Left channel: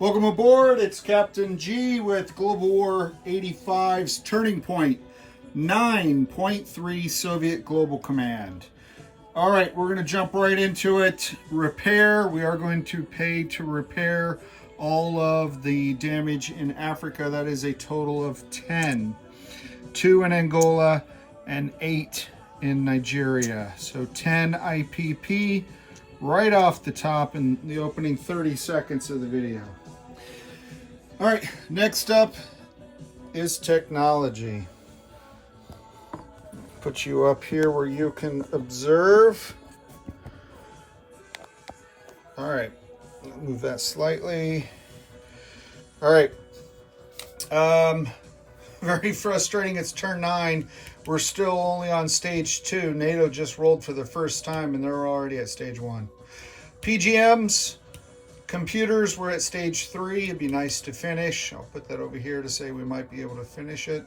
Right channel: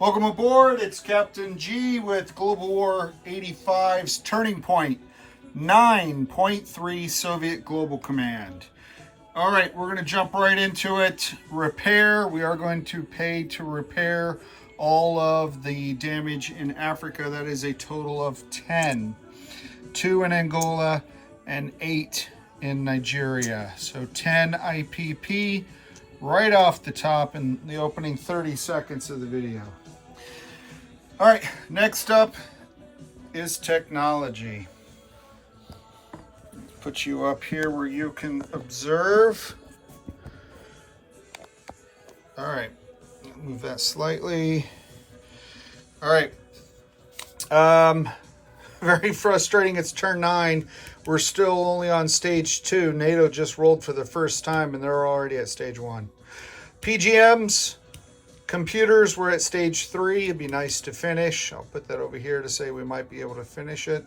Welcome aboard. It's Captain G with Global War 85's Turning Point 9.3 Soviet Global Command. All right, we're going to jump right into it. Repair. We are going to pay to repair all of the damage in Africa. That is a total of 10. 2 in Angola and 8 in Nigeria. So 10 IPP right off the top in the opening 30 seconds of the video. All right, next up is technology. Put you up here where you can observe. All right, move that slightly. All right. Very frustrating. It's turn 9. We're still only on stage 2. NATO just rolled for the first time and they're already at stage 1. PGMs, computers, we're at stage 3. It'd be nice to finish. I'll put that over here to say we might be able to finish it.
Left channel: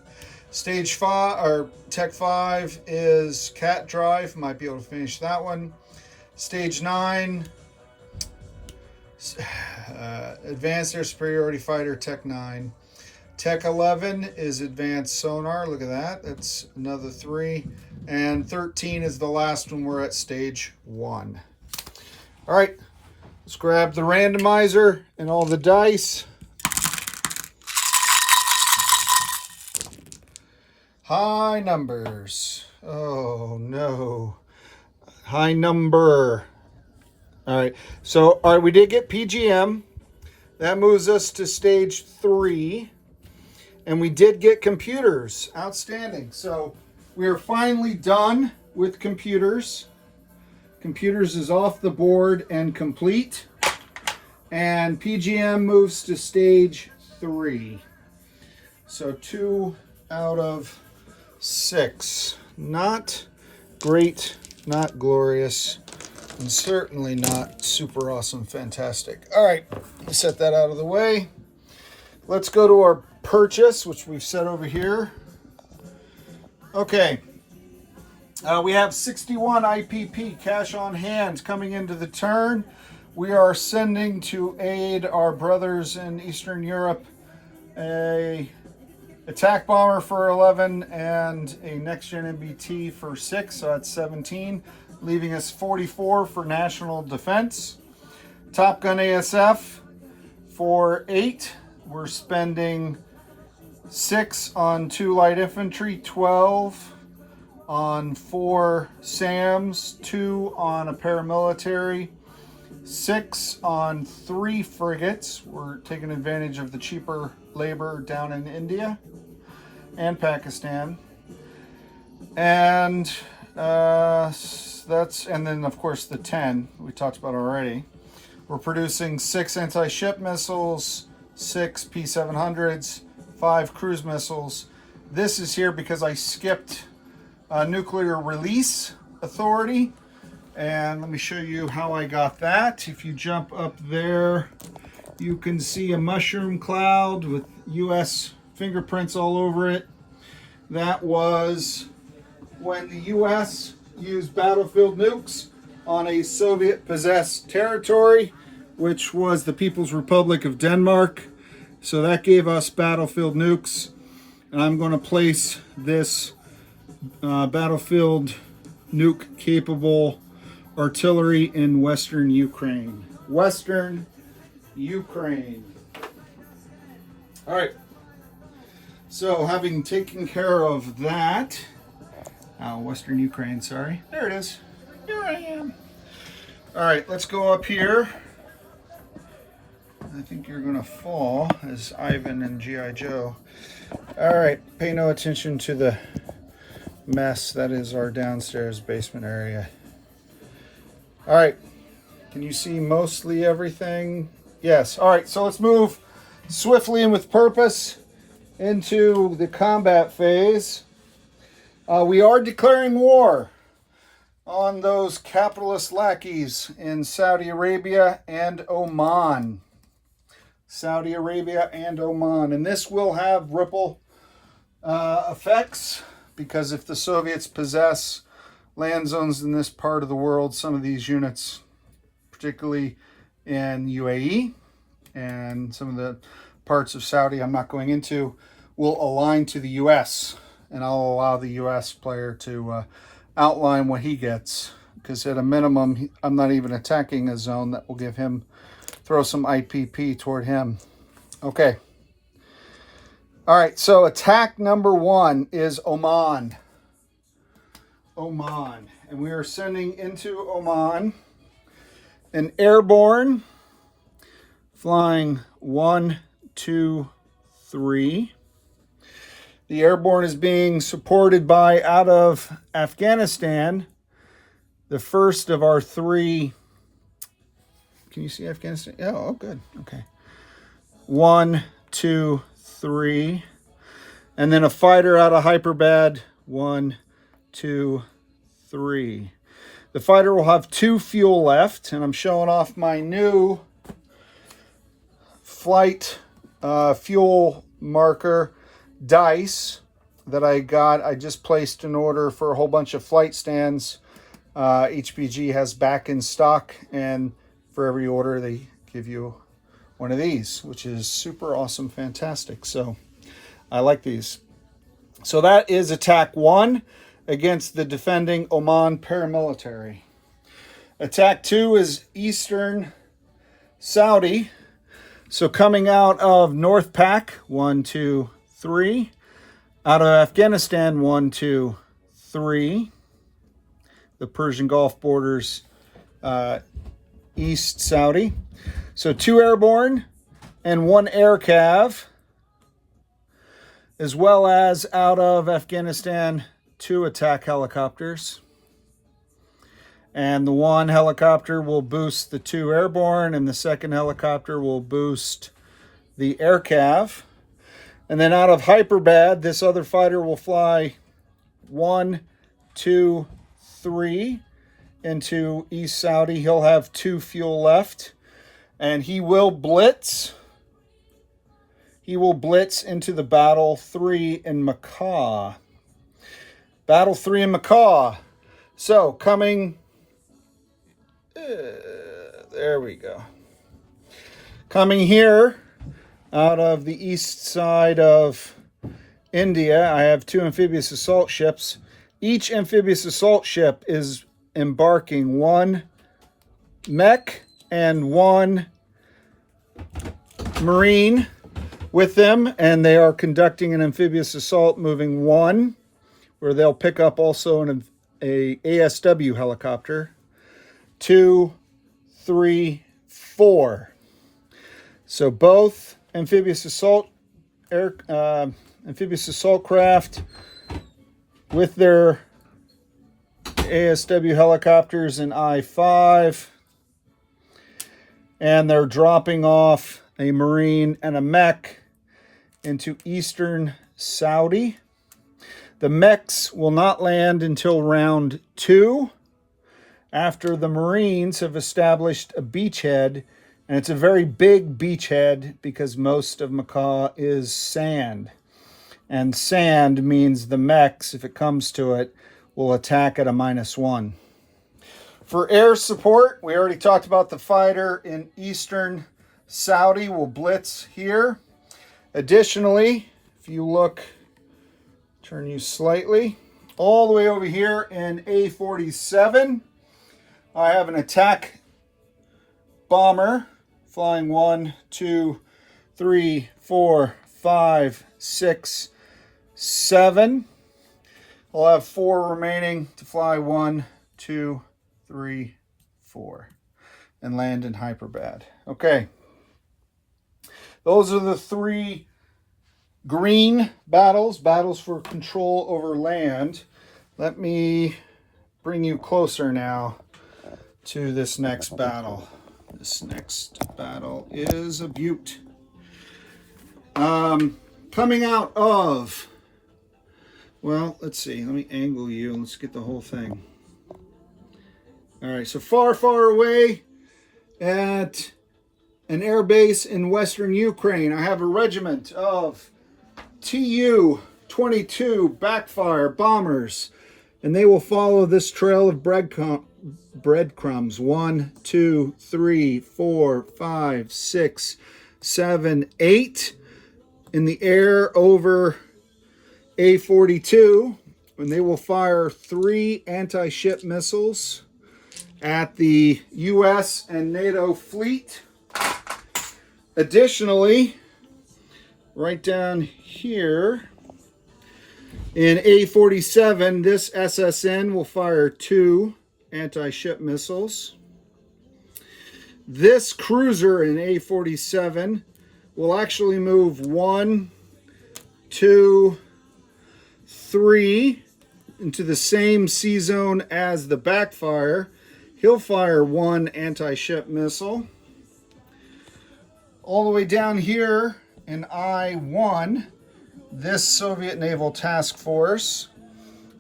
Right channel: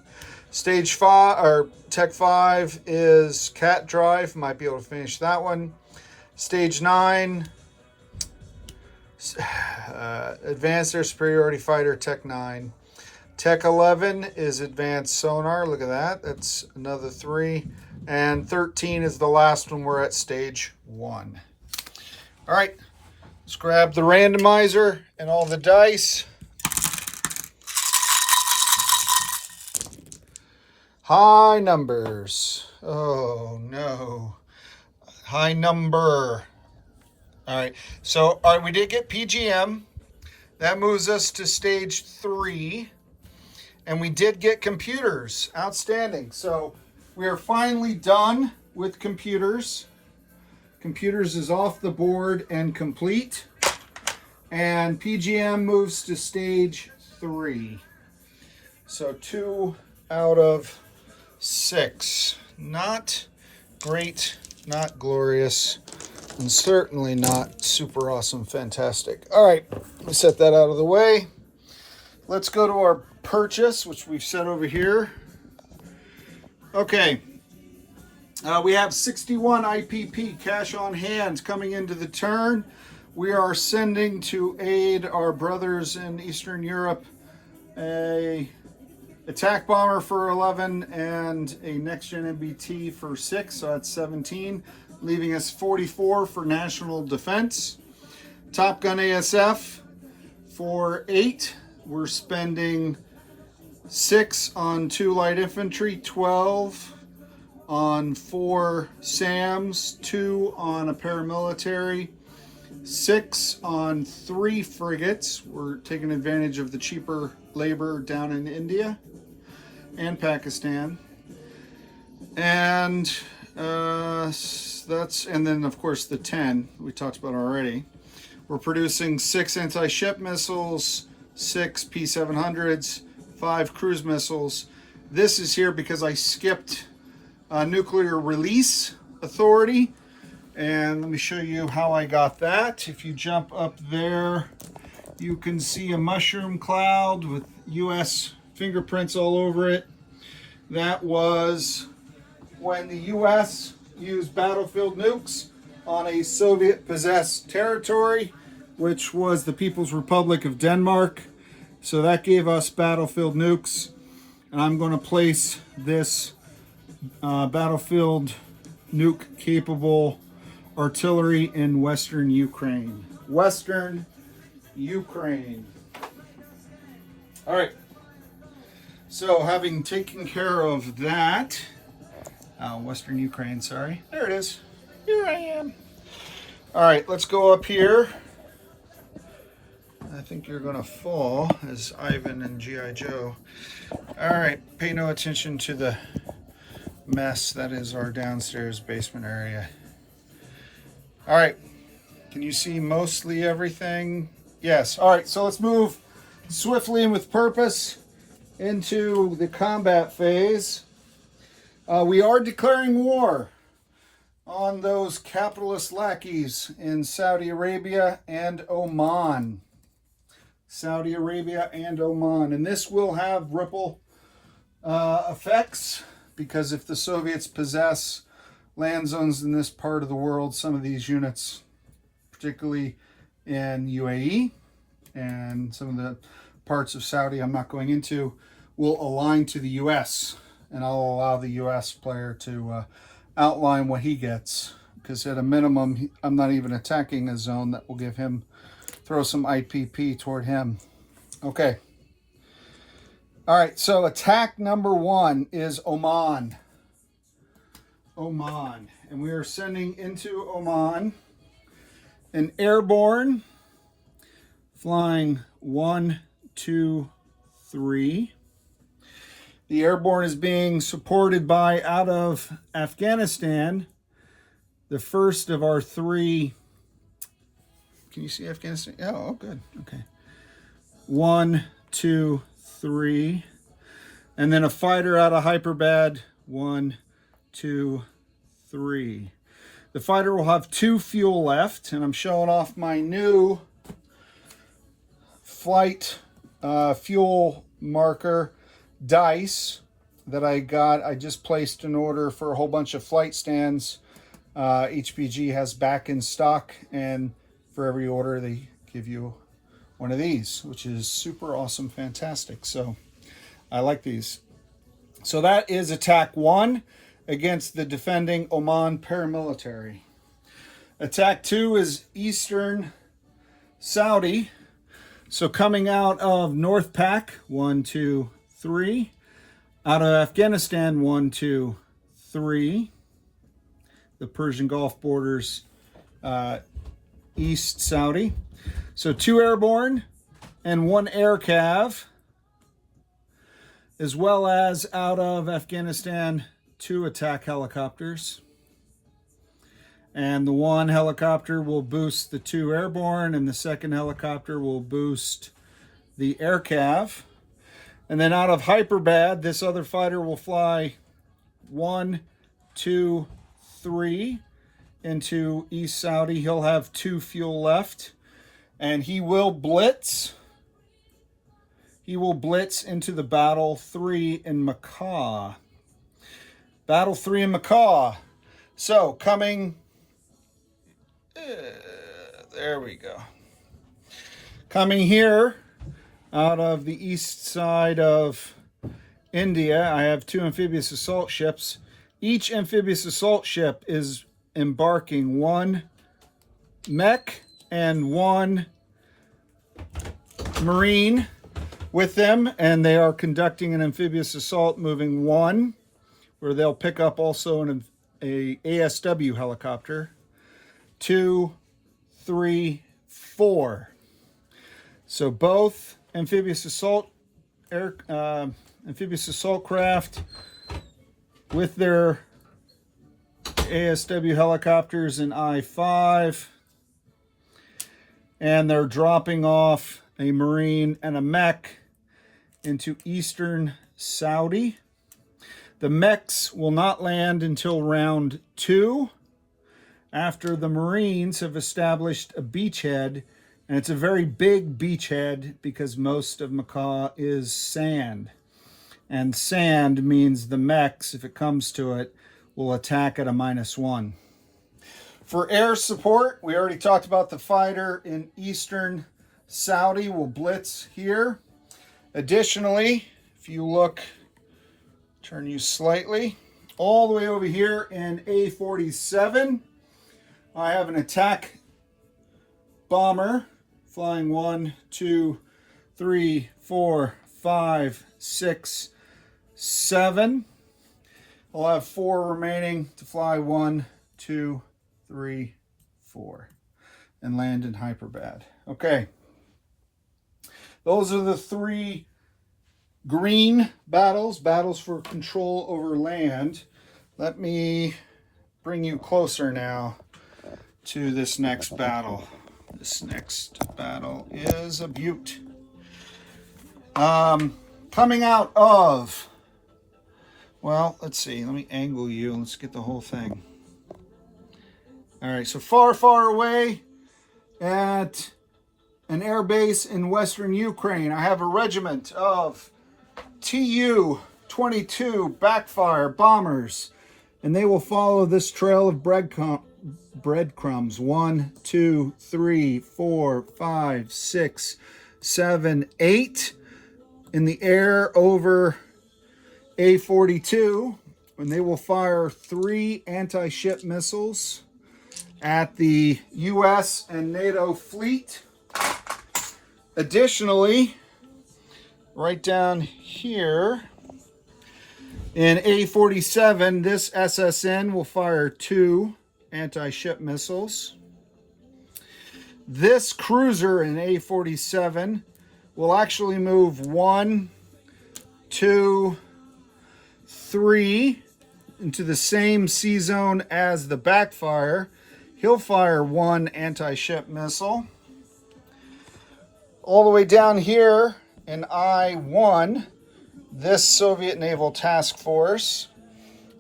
Stage 5 or Tech 5 is CAT drive. Might be able to finish that one. Stage 9, advanced air superiority fighter, Tech 9. Tech 11 is advanced sonar. Look at that. That's another 3. And 13 is the last one. We're at stage 1. All right. Let's grab the randomizer and all the dice. High numbers. Oh, no. High number. All right. So, all right, we did get PGM. That moves us to stage 3. And we did get computers. Outstanding. So we are finally done with computers. Computers is off the board and complete. And PGM moves to stage 3. So 2 out of 6. Not great, not glorious, and certainly not super awesome, fantastic. All right, let's set that out of the way. Let's go to our purchase, which we've set over here. Okay, we have 61 IPP cash on hand coming into the turn. We are sending to aid our brothers in Eastern Europe a attack bomber for 11 and a next-gen MBT for 6, so that's 17, leaving us 44 for national defense. Top Gun ASF for 8. We're spending 6 on 2 light infantry, 12 on 4 SAMs, 2 on a paramilitary, 6 on 3 frigates. We're taking advantage of the cheaper labor down in India and Pakistan. And and then of course the 10 we talked about already. We're producing 6 anti-ship missiles, 6 P700s, 5 cruise missiles. This is here because I skipped nuclear release authority. And let me show you how I got that. If you jump up there, you can see a mushroom cloud with US fingerprints all over it. That was when the US used battlefield nukes on a Soviet-possessed territory, which was the People's Republic of Denmark. So that gave us battlefield nukes. And I'm going to place this battlefield nuke capable artillery in Western Ukraine. Western Ukraine. All right. So having taken care of that, Western Ukraine, sorry. There it is. Here I am. All right, let's go up here. I think you're going to fall as Ivan and G.I. Joe. All right, pay no attention to the mess that is our downstairs basement area. All right, can you see mostly everything? Yes. All right, so let's move swiftly and with purpose into the combat phase. We are declaring war on those capitalist lackeys in Saudi Arabia and Oman. Saudi Arabia and Oman. And this will have ripple effects, because if the Soviets possess land zones in this part of the world, some of these units, particularly in UAE and some of the parts of Saudi I'm not going into will align to the U.S. And I'll allow the U.S. player to outline what he gets, because at a minimum, I'm not even attacking a zone that will give him, throw some IPP toward him. Okay. All right, so attack number 1 is Oman. Oman. And we are sending into Oman an airborne flying 1, 2, 3. The airborne is being supported by, out of Afghanistan, the first of our 3. Can you see Afghanistan? Oh, good. Okay. 1, 2, 3. And then a fighter out of Hyperbad. 1, 2, 3. The fighter will have 2 fuel left, and I'm showing off my new flight fuel marker dice that I got. I just placed an order for a whole bunch of flight stands HPG has back in stock, and for every order they give you one of these, which is super awesome, fantastic. So I like these. So that is attack 1 against the defending Oman paramilitary. Attack 2 is Eastern Saudi. So coming out of North Pac, 1, 2, 3. Out of Afghanistan, 1, 2, 3. The Persian Gulf borders East Saudi. So 2 airborne and 1 air cav, as well as out of Afghanistan, 2 attack helicopters. And the 1 helicopter will boost the 2 airborne, and the 2nd helicopter will boost the air cav. And then out of Hyperbad, this other fighter will fly 1, 2, 3 into East Saudi. He'll have 2 fuel left, and he will blitz. He will blitz into the Battle 3 in Macaw. Battle 3 in Macaw. So coming, there we go. Coming here out of the east side of India, I have 2 amphibious assault ships. Each amphibious assault ship is embarking 1 mech and 1 marine with them, and they are conducting an amphibious assault moving 1, where they'll pick up also a ASW helicopter. 2, 3, 4. So both amphibious assault craft with their ASW helicopters in I-5, and they're dropping off a marine and a mech into Eastern Saudi. The mechs will not land until round 2, after the Marines have established a beachhead, and it's a very big beachhead because most of Macaw is sand. And sand means the mechs, if it comes to it, will attack at a -1. For air support, we already talked about the fighter in Eastern Saudi will blitz here. Additionally, if you look, turn you slightly, all the way over here in A47, I have an attack bomber flying 1, 2, 3, 4, 5, 6, 7. I'll have 4 remaining to fly 1, 2, 3, 4, and land in Hyperbad. Okay. Those are the 3 green battles for control over land. Let me bring you closer now to this next battle. This next battle is a beaut. Coming out of, well, let's see. Let me angle you. Let's get the whole thing. All right, so far, far away at an air base in western Ukraine, I have a regiment of Tu-22 backfire bombers, and they will follow this trail of breadcrumbs. 1, 2, 3, 4, 5, 6, 7, 8 in the air over A-42, and they will fire 3 anti-ship missiles at the U.S. and NATO fleet. Additionally, right down here in A-47, this SSN will fire 2 anti-ship missiles. This cruiser in A-47 will actually move 1, 2, 3 into the same sea zone as the backfire. He'll fire 1 anti-ship missile. All the way down here in I-1, this Soviet Naval Task Force,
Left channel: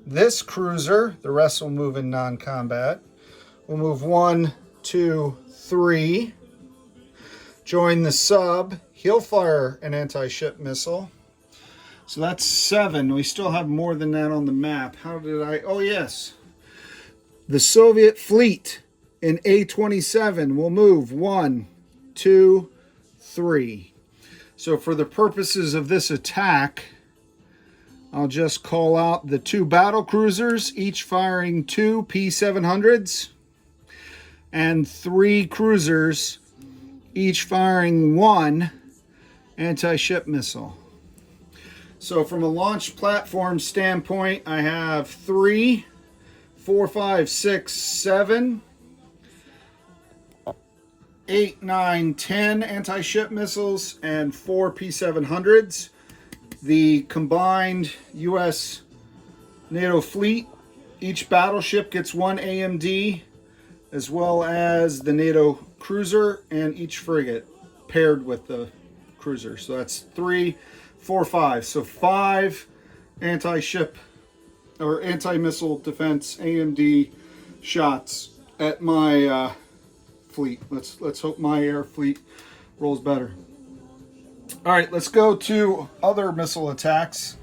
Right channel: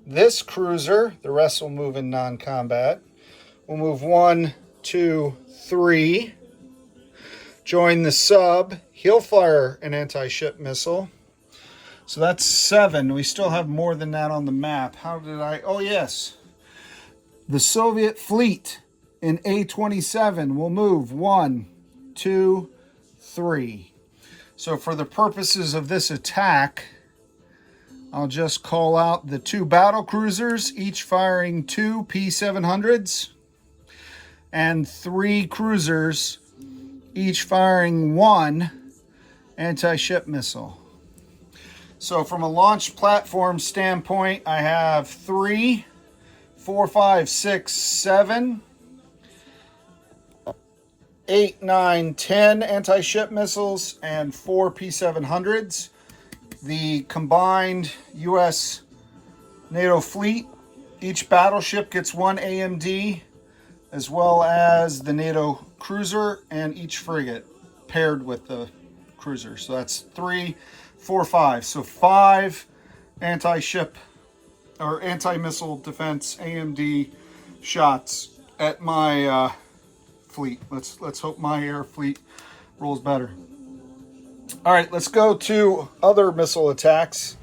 this cruiser, the rest will move in non-combat, will move 1, 2, 3. Join the sub. He'll fire an anti-ship missile. So that's 7. We still have more than that on the map. How did I... Oh, yes. The Soviet fleet in A-27 will move 1, 2, 3. So for the purposes of this attack, I'll just call out the 2 battle cruisers, each firing 2 P-700s, and 3 cruisers, each firing 1 anti-ship missile. So from a launch platform standpoint, I have 3, 4, 5, 6, 7, 8, 9, 10 anti-ship missiles and 4 P-700s. The combined U.S. NATO fleet, each battleship gets 1 AMD, as well as the NATO cruiser and each frigate paired with the cruiser. So that's 3, 4, 5. So 5 anti-ship or anti-missile defense AMD shots at my fleet. Let's hope my air fleet rolls better. All right, let's go to other missile attacks.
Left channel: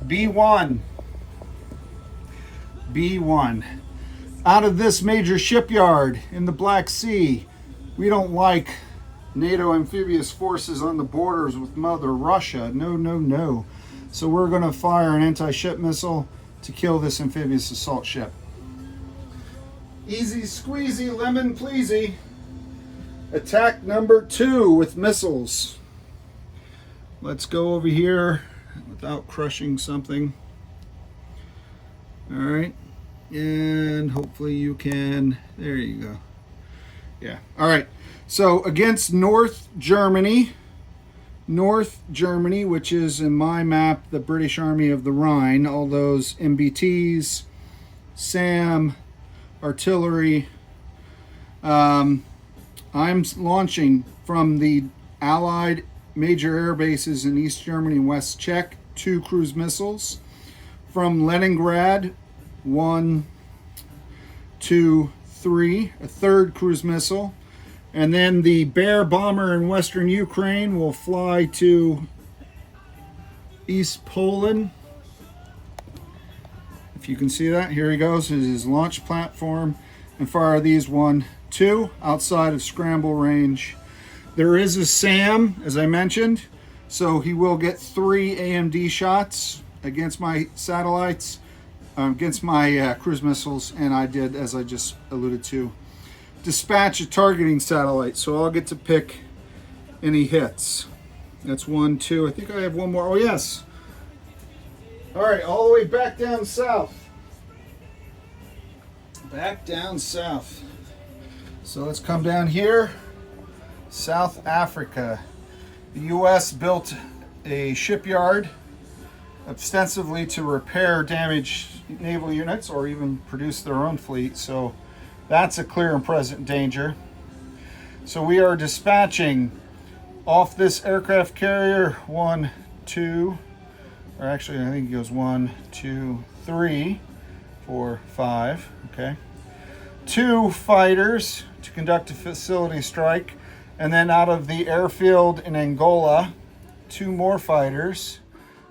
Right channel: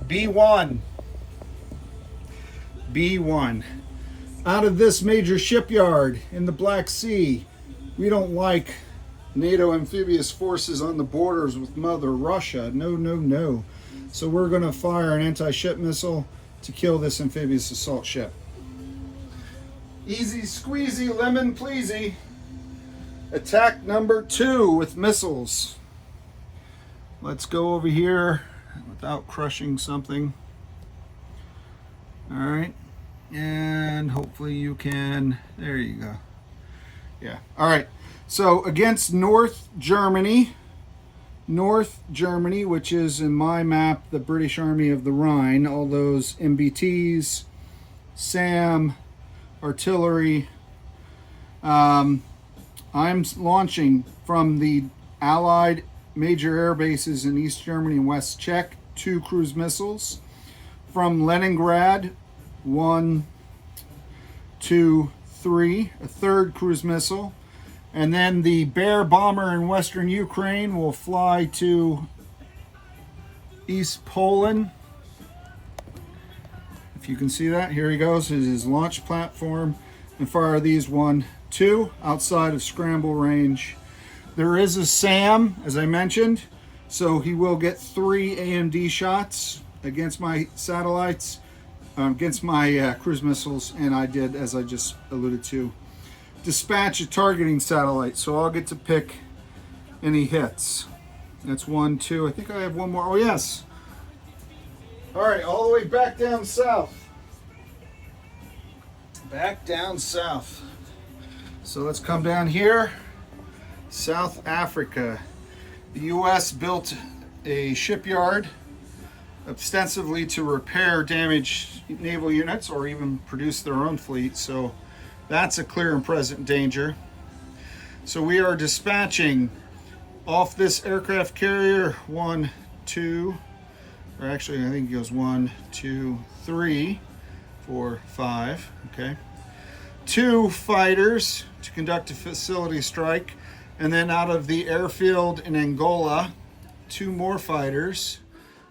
B1. Out of this major shipyard in the Black Sea, we don't like NATO amphibious forces on the borders with Mother Russia. No, no, no. So we're going to fire an anti-ship missile to kill this amphibious assault ship. Easy squeezy, lemon pleasy. Attack number 2 with missiles. Let's go over here without crushing something. All right. And hopefully you can, there you go. Yeah, all right. So against North Germany, which is in my map, the British Army of the Rhine, all those MBTs, SAM, artillery. I'm launching from the Allied major air bases in East Germany and West Czech, 2 cruise missiles. From Leningrad, 1, 2, 3, a 3rd cruise missile. And then the Bear bomber in Western Ukraine will fly to East Poland. If you can see that, here he goes, his launch platform, and fire these 1, 2 outside of scramble range. There is a SAM, as I mentioned, so he will get 3 AMD shots against my satellites, against my cruise missiles, and I did, as I just alluded to, dispatch a targeting satellite, so I'll get to pick any hits. That's 1, 2, I think I have 1 more. Oh, yes. All right, all the way back down south. Back down south. So let's come down here. South Africa. The U.S. built a shipyard ostensibly to repair damaged naval units or even produce their own fleet. So that's a clear and present danger. So we are dispatching off this aircraft carrier 1, 2, or actually I think it goes 1, 2, 3, 4, 5, okay. 2 fighters to conduct a facility strike, and then out of the airfield in Angola, 2 more fighters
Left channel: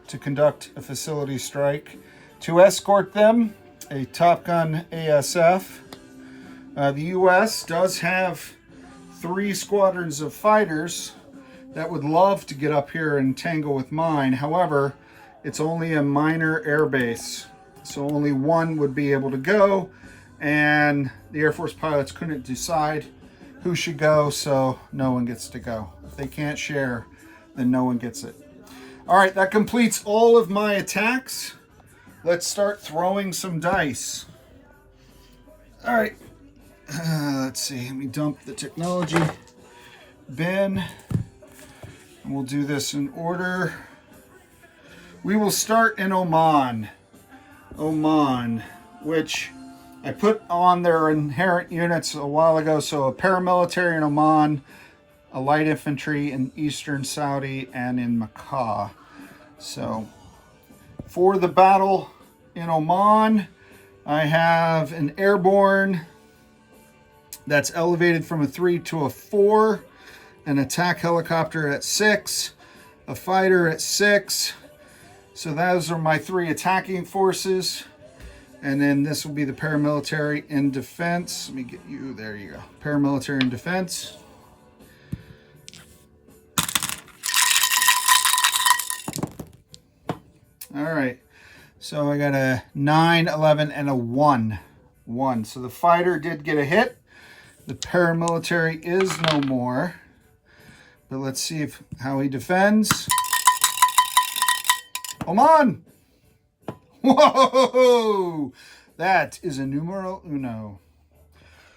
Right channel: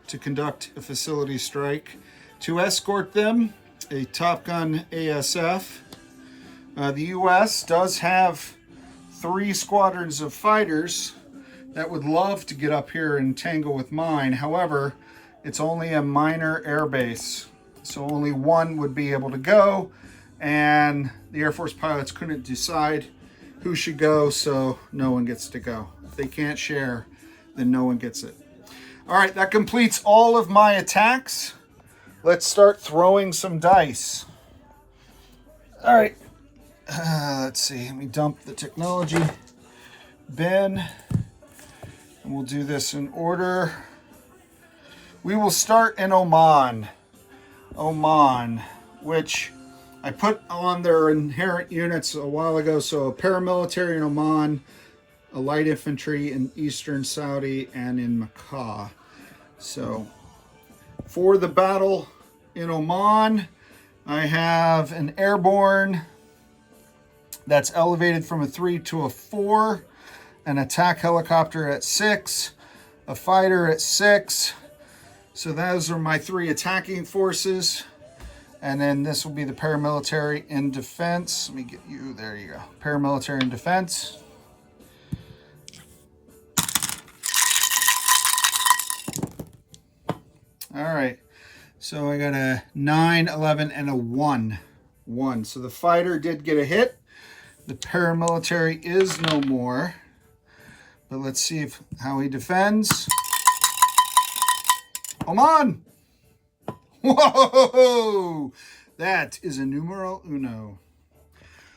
to conduct a facility strike. To escort them, a Top Gun ASF. The U.S. does have 3 squadrons of fighters that would love to get up here and tangle with mine. However, it's only a minor air base, so only one would be able to go, and the Air Force pilots couldn't decide who should go, so no one gets to go. If they can't share, then no one gets it. All right, that completes all of my attacks. Let's start throwing some dice. All right, let's see, let me dump the technology bin, and we'll do this in order. We will start in Oman, which I put on their inherent units a while ago. So a paramilitary in Oman, a light infantry in Eastern Saudi, and in Makkah. So for the battle in Oman, I have an airborne that's elevated from a 3 to a 4, an attack helicopter at 6, a fighter at 6. So those are my 3 attacking forces. And then this will be the paramilitary in defense. Let me get you, there you go. Paramilitary in defense. All right, so I got a 9, 11, and a 1. So the fighter did get a hit. The paramilitary is no more. But let's see how he defends. Oman! Whoa! That is a numero uno.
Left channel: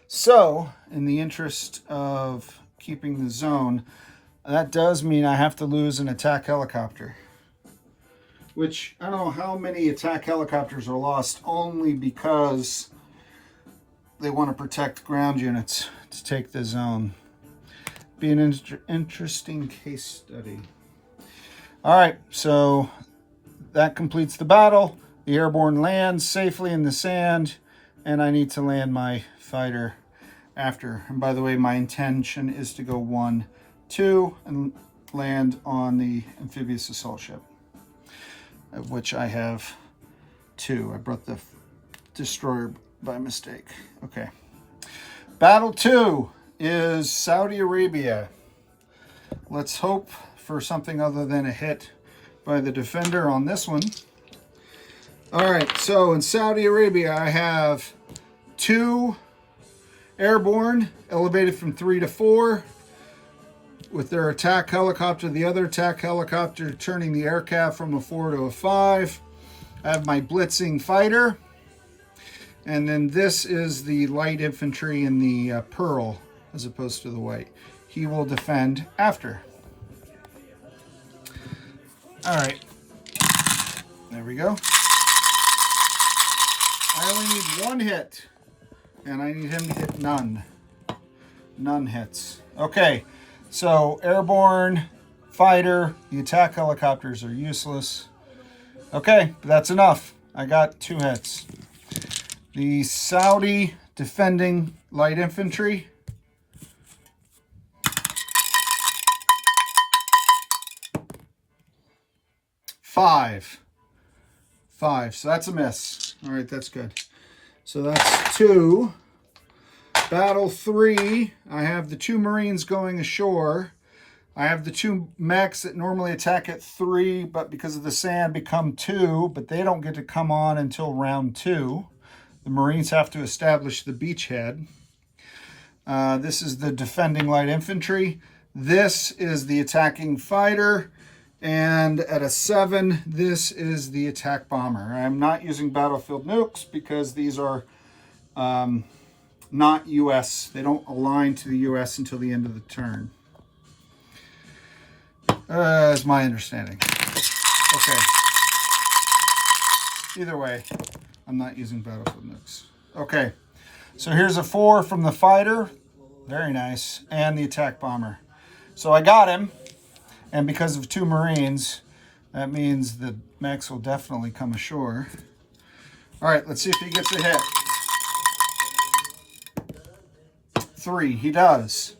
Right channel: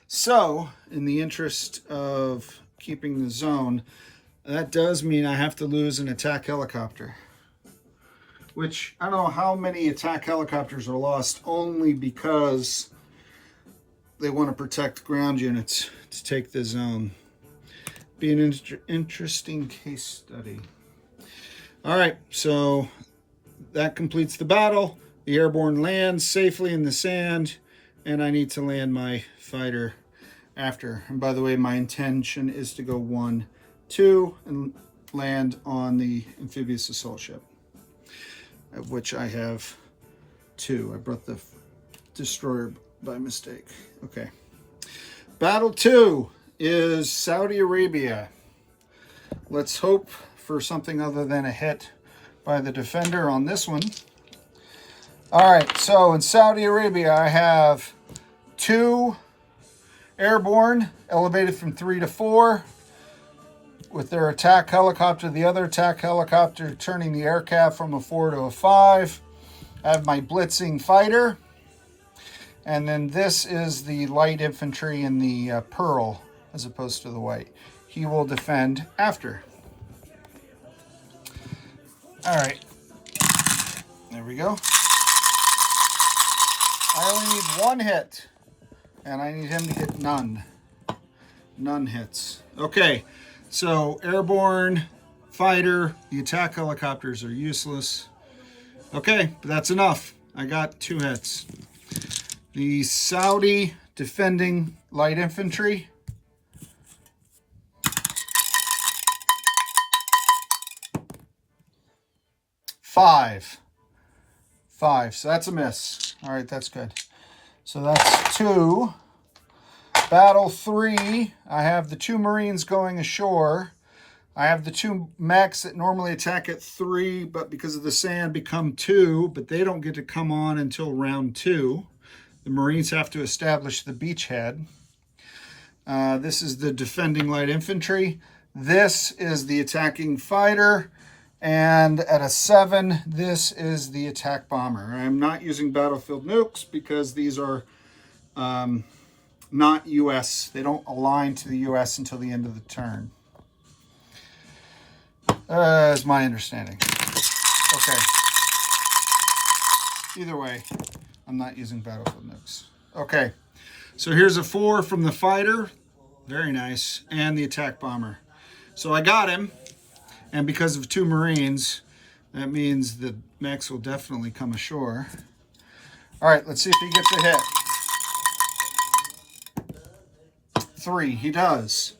So, in the interest of keeping the zone, that does mean I have to lose an attack helicopter. Which, I don't know how many attack helicopters are lost only because they want to protect ground units to take the zone. Be an interesting case study. All right, so that completes the battle. The airborne lands safely in the sand, and I need to land my fighter after. And by the way, my intention is to go 1, 2, and land on the amphibious assault ship, of which I have 2. I brought the destroyer by mistake. Okay. Battle 2 is Saudi Arabia. Let's hope for something other than a hit by the defender on this one. All right, so in Saudi Arabia, I have 2 airborne, elevated from 3 to 4, with their attack helicopter, the other attack helicopter turning the aircraft from a 4 to a 5. I have my blitzing fighter, and then this is the light infantry in the pearl, as opposed to the white. He will defend after. All right, there we go. I only need 1 hit, and I need him to get none. None hits. Okay, so airborne, fighter, the attack helicopters are useless. Okay, but that's enough. I got 2 hits. The Saudi defending light infantry. Five, so that's a miss. All right, that's good. So that's 2. Battle 3, I have the 2 Marines going ashore. I have the 2 mechs that normally attack at 3, but because of the sand become 2, but they don't get to come on until round 2. The Marines have to establish the beachhead. This is the defending light infantry. This is the attacking fighter. And at a 7, this is the attack bomber. I'm not using battlefield nukes because these are not U.S. They don't align to the U.S. until the end of the turn. Is my understanding. Okay. Either way, I'm not using battlefield nukes. Okay. So here's a 4 from the fighter. Very nice. And the attack bomber. So I got him. And because of 2 Marines, that means the mechs will definitely come ashore. All right, let's see if he gets a hit. 3, he does,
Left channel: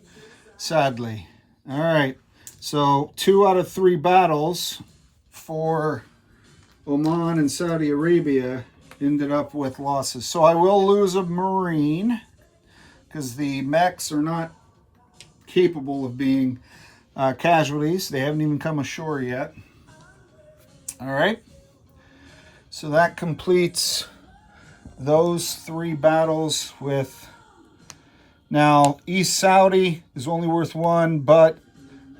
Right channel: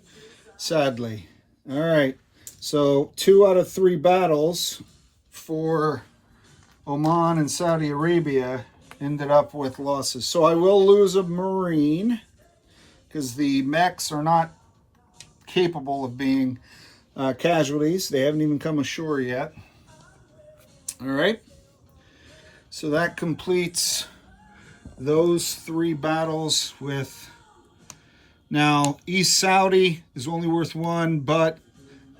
sadly. All right, so 2 out of 3 battles for Oman and Saudi Arabia ended up with losses. So I will lose a Marine because the mechs are not capable of being casualties. They haven't even come ashore yet. All right. So that completes those 3 battles with... Now, East Saudi is only worth 1, but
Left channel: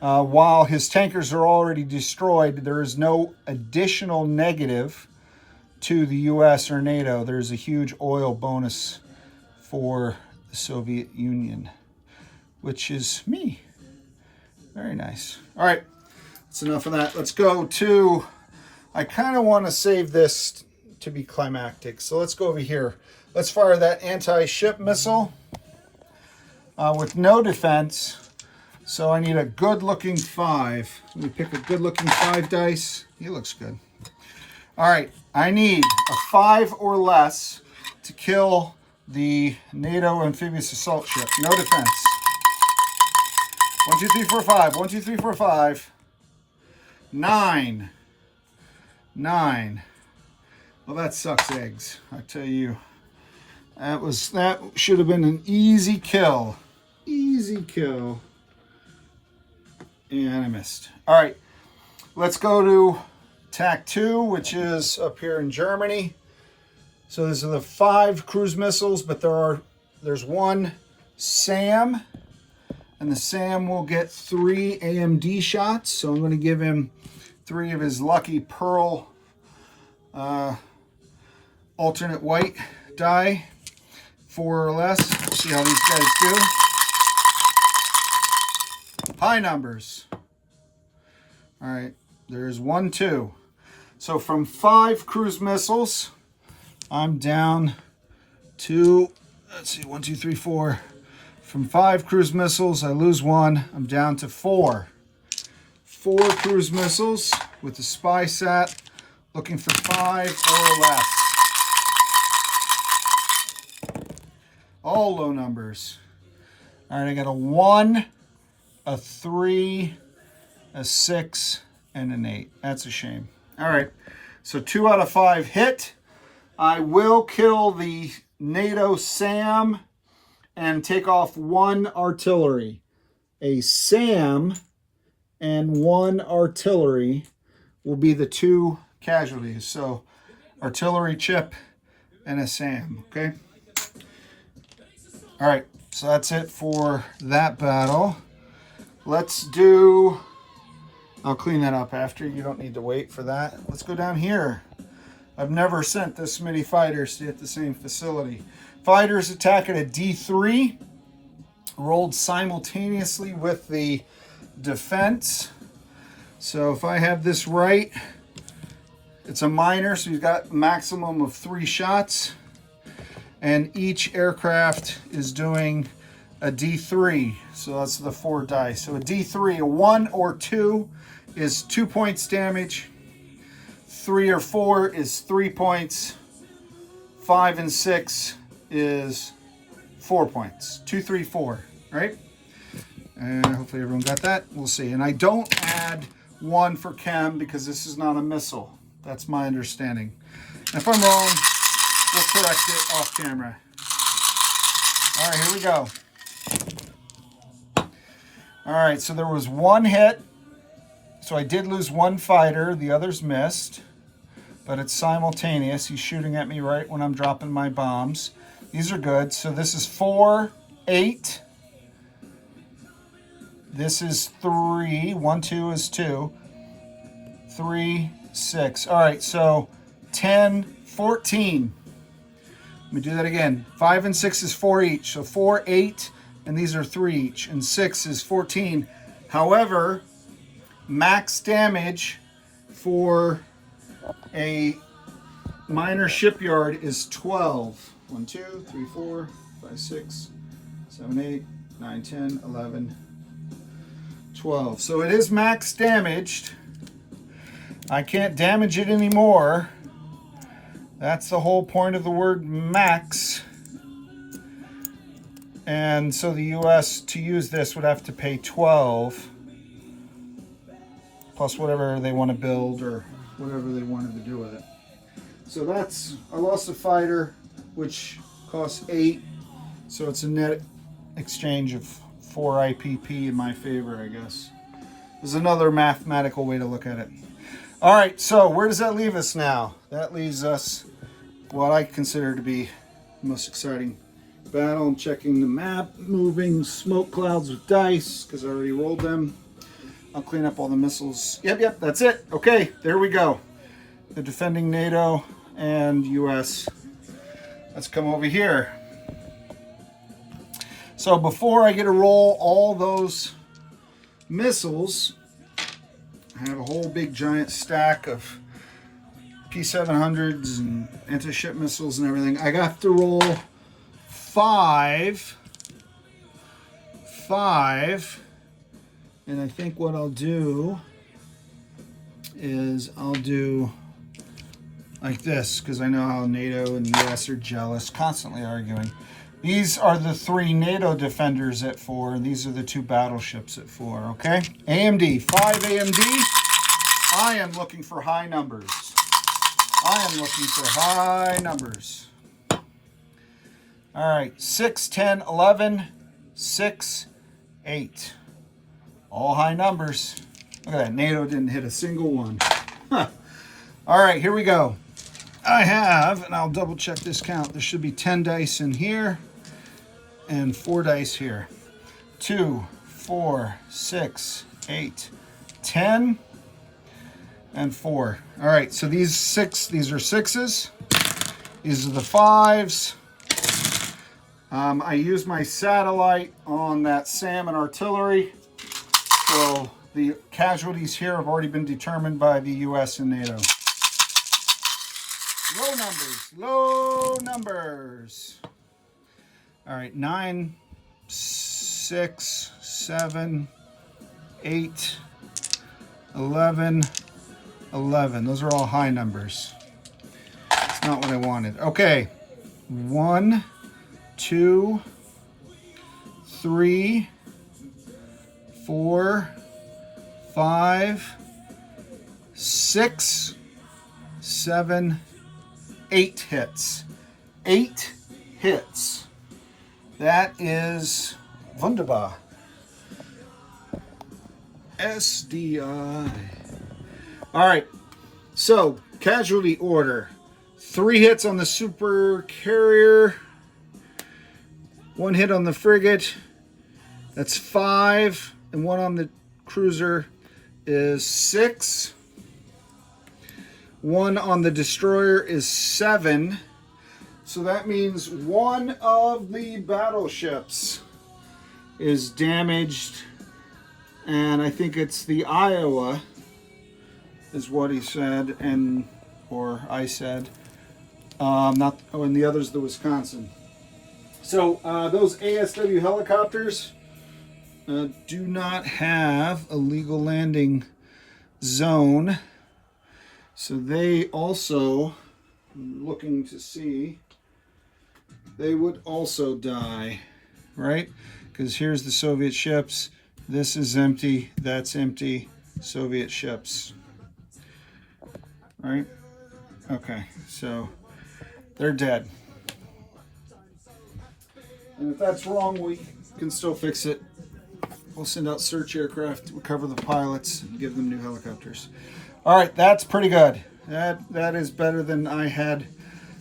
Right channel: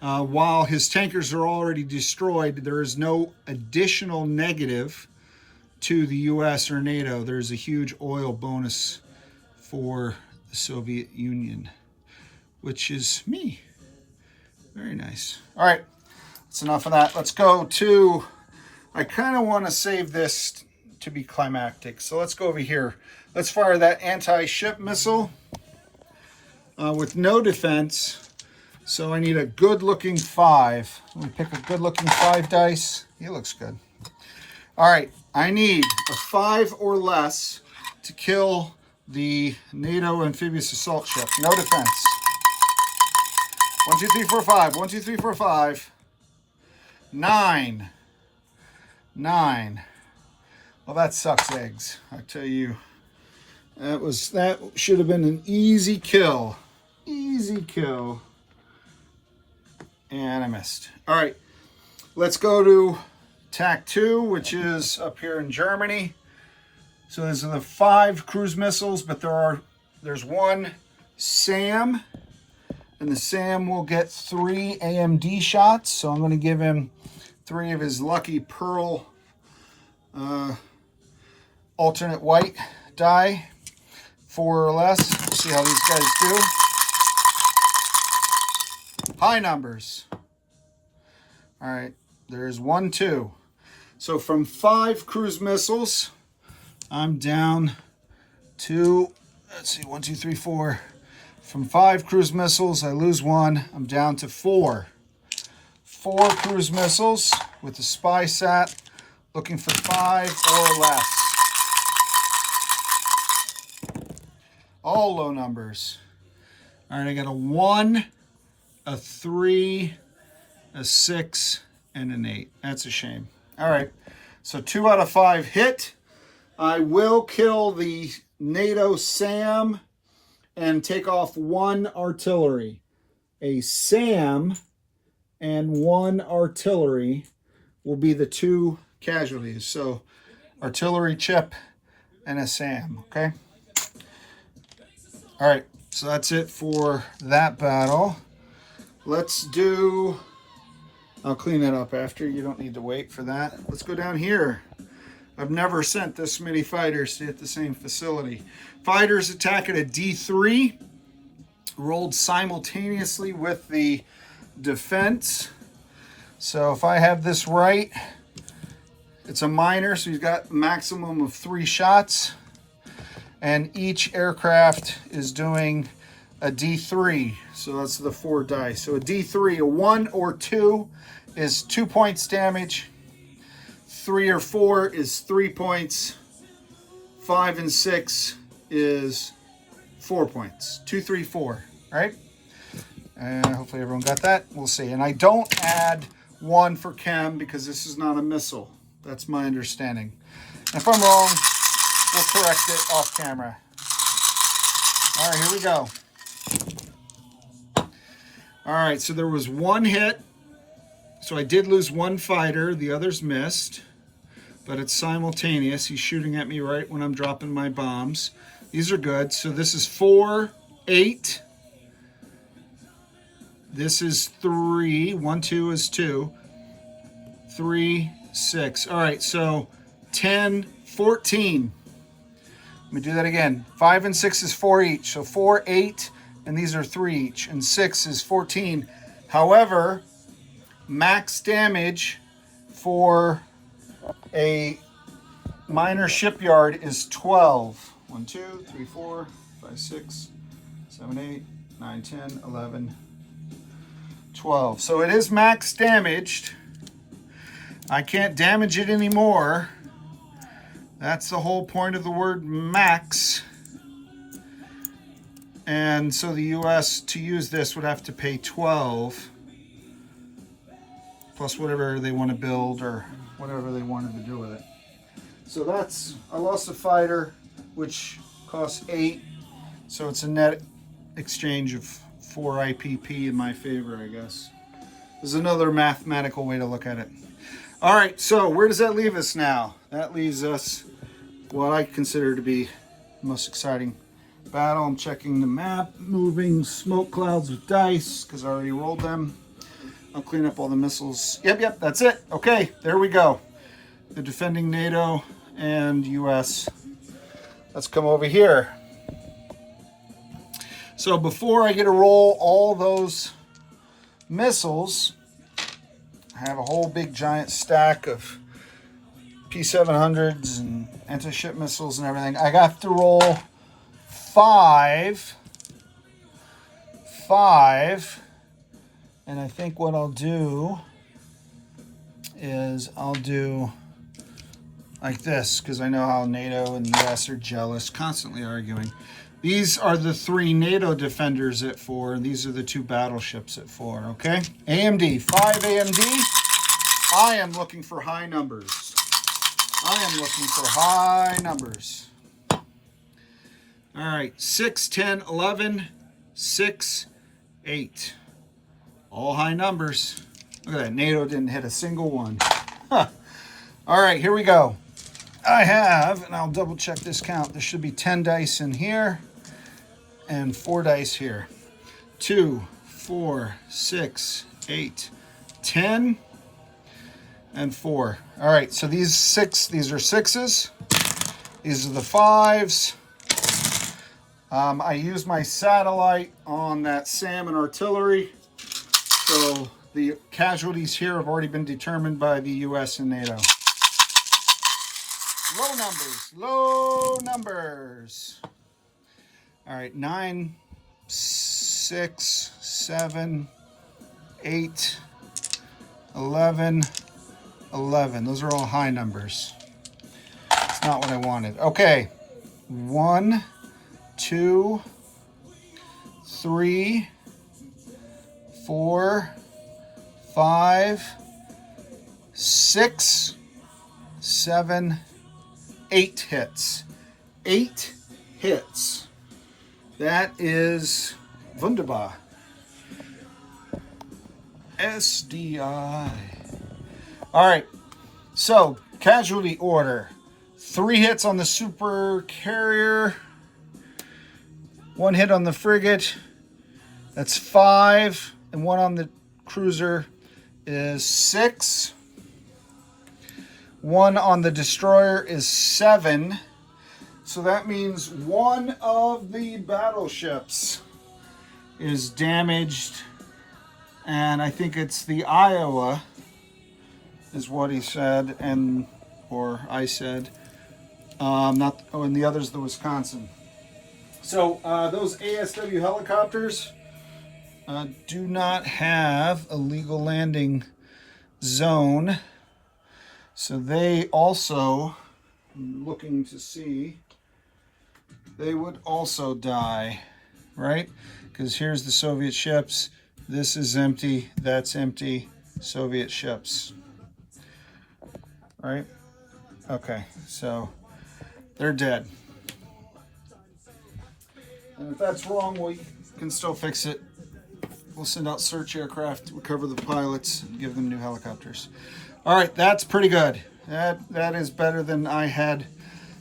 while his tankers are already destroyed, there is no additional negative to the U.S. or NATO. There's a huge oil bonus for the Soviet Union, which is me. Very nice. All right, that's enough of that. Let's go to... I kind of want to save this to be climactic. So let's go over here. Let's fire that anti-ship missile with no defense. So I need a good-looking 5. Let me pick a good-looking 5 dice. He looks good. All right, I need a 5 or less to kill the NATO amphibious assault ship. No defense. 1, 2, 3, 4, 5. 1, 2, 3, 4, 5. 9. 9. Well, that sucks eggs, I tell you. That should have been an easy kill. Easy kill. And I missed. All right, let's go to TAC 2, which is up here in Germany. So these are the 5 cruise missiles, but there's 1 SAM, and the SAM will get 3 AMD shots. So I'm going to give him 3 of his lucky pearl alternate white die, 4 or less. See how these guys do. High numbers. All right, there's 1, 2. So from 5 cruise missiles, I'm down to, let's see, 1, 2, 3, 4. From 5 cruise missiles, I lose 1. I'm down to 4. 4 cruise missiles with the spy sat, looking for 5 or less. All low numbers. All right, I got a 1, a 3, a 6, and an 8. That's a shame. All right, so 2 out of 5 hit. I will kill the NATO SAM and take off 1 artillery. A SAM and 1 artillery will be the 2 casualties. So artillery chip and a SAM, okay? All right, so that's it for that battle. Let's do... I'll clean that up after. You don't need to wait for that. Let's go down here. I've never sent this many fighters to hit the same facility. Fighters attack at a D3, rolled simultaneously with the defense. So if I have this right, it's a minor, so you've got a maximum of 3 shots. And each aircraft is doing a D3, so that's the 4 dice. So a D3, a 1 or 2 is 2 points damage. 3 or 4 is 3 points. 5 and 6 is 4 points. 2, 3, 4, right? And hopefully everyone got that. We'll see. And I don't add 1 for chem because this is not a missile. That's my understanding. And if I'm wrong, we'll correct it off camera. All right, here we go. All right, so there was 1 hit. So I did lose 1 fighter. The others missed. But it's simultaneous. He's shooting at me right when I'm dropping my bombs. These are good. So this is 4, 8. This is 3. 1, 2 is 2. 3, 6. All right, so 10, 14. Let me do that again. 5 and 6 is 4 each. So 4, 8, and these are 3 each. And 6 is 14. However, max damage for a minor shipyard is 12. 1, 2, 3, 4, 5, 6, 7, 8, 9, 10, 11, 12. So it is max damaged. I can't damage it anymore. That's the whole point of the word max. And so the US, to use this, would have to pay 12 plus whatever they want to build or whatever they wanted to do with it. So that's, I lost a fighter, which costs 8. So it's a net exchange of 4 IPP in my favor, I guess. is another mathematical way to look at it. All right, so where does that leave us now? That leaves us what I consider to be the most exciting battle. I'm checking the map, moving smoke clouds with dice because I already rolled them. I'll clean up all the missiles. Yep, that's it. Okay, there we go. The defending NATO and US. Let's come over here. So before I get to roll all those missiles, I have a whole big giant stack of P700s and anti-ship missiles and everything. I got to roll five, and I think what I'll do is I'll do like this, because I know how NATO and US are jealous, constantly arguing. These are the 3 NATO defenders at 4, and these are the 2 battleships at 4, okay? AMD, 5 AMD. I am looking for high numbers. I am looking for high numbers. All right, 6, 10, 11, 6, 8. All high numbers. Look at that, NATO didn't hit a single one. Huh. All right, here we go. I have, and I'll double check this count, there should be 10 dice in here and 4 dice here. 2, 4, 6, 8, 10, and 4. All right, so these are 6s. These are the 5s. I used my satellite on that salmon artillery. So the casualties here have already been determined by the US and NATO. Low numbers. All right, 9, 6, 7, 8, 11, 11. Those are all high numbers. It's not what I wanted. Okay, 1, 2, 3, 4, 5, 6, 7, 8 hits. 8 hits. That is wunderbar. SDI. All right, so casualty order. 3 hits on the super carrier. 1 hit on the frigate. That's 5. And 1 on the cruiser is 6. 1 on the destroyer is 7. So that means 1 of the battleships is damaged. And I think it's the Iowa, is what he said, or I said. And the other's the Wisconsin. So those ASW helicopters do not have a legal landing zone. So they also, looking to see, they would also die, right? Because here's the Soviet ships. This is empty. That's empty. Soviet ships. Right? Okay, so they're dead. And if that's wrong, we can still fix it. We'll send out search aircraft to recover the pilots and give them new helicopters. All right, that's pretty good. That is better than I had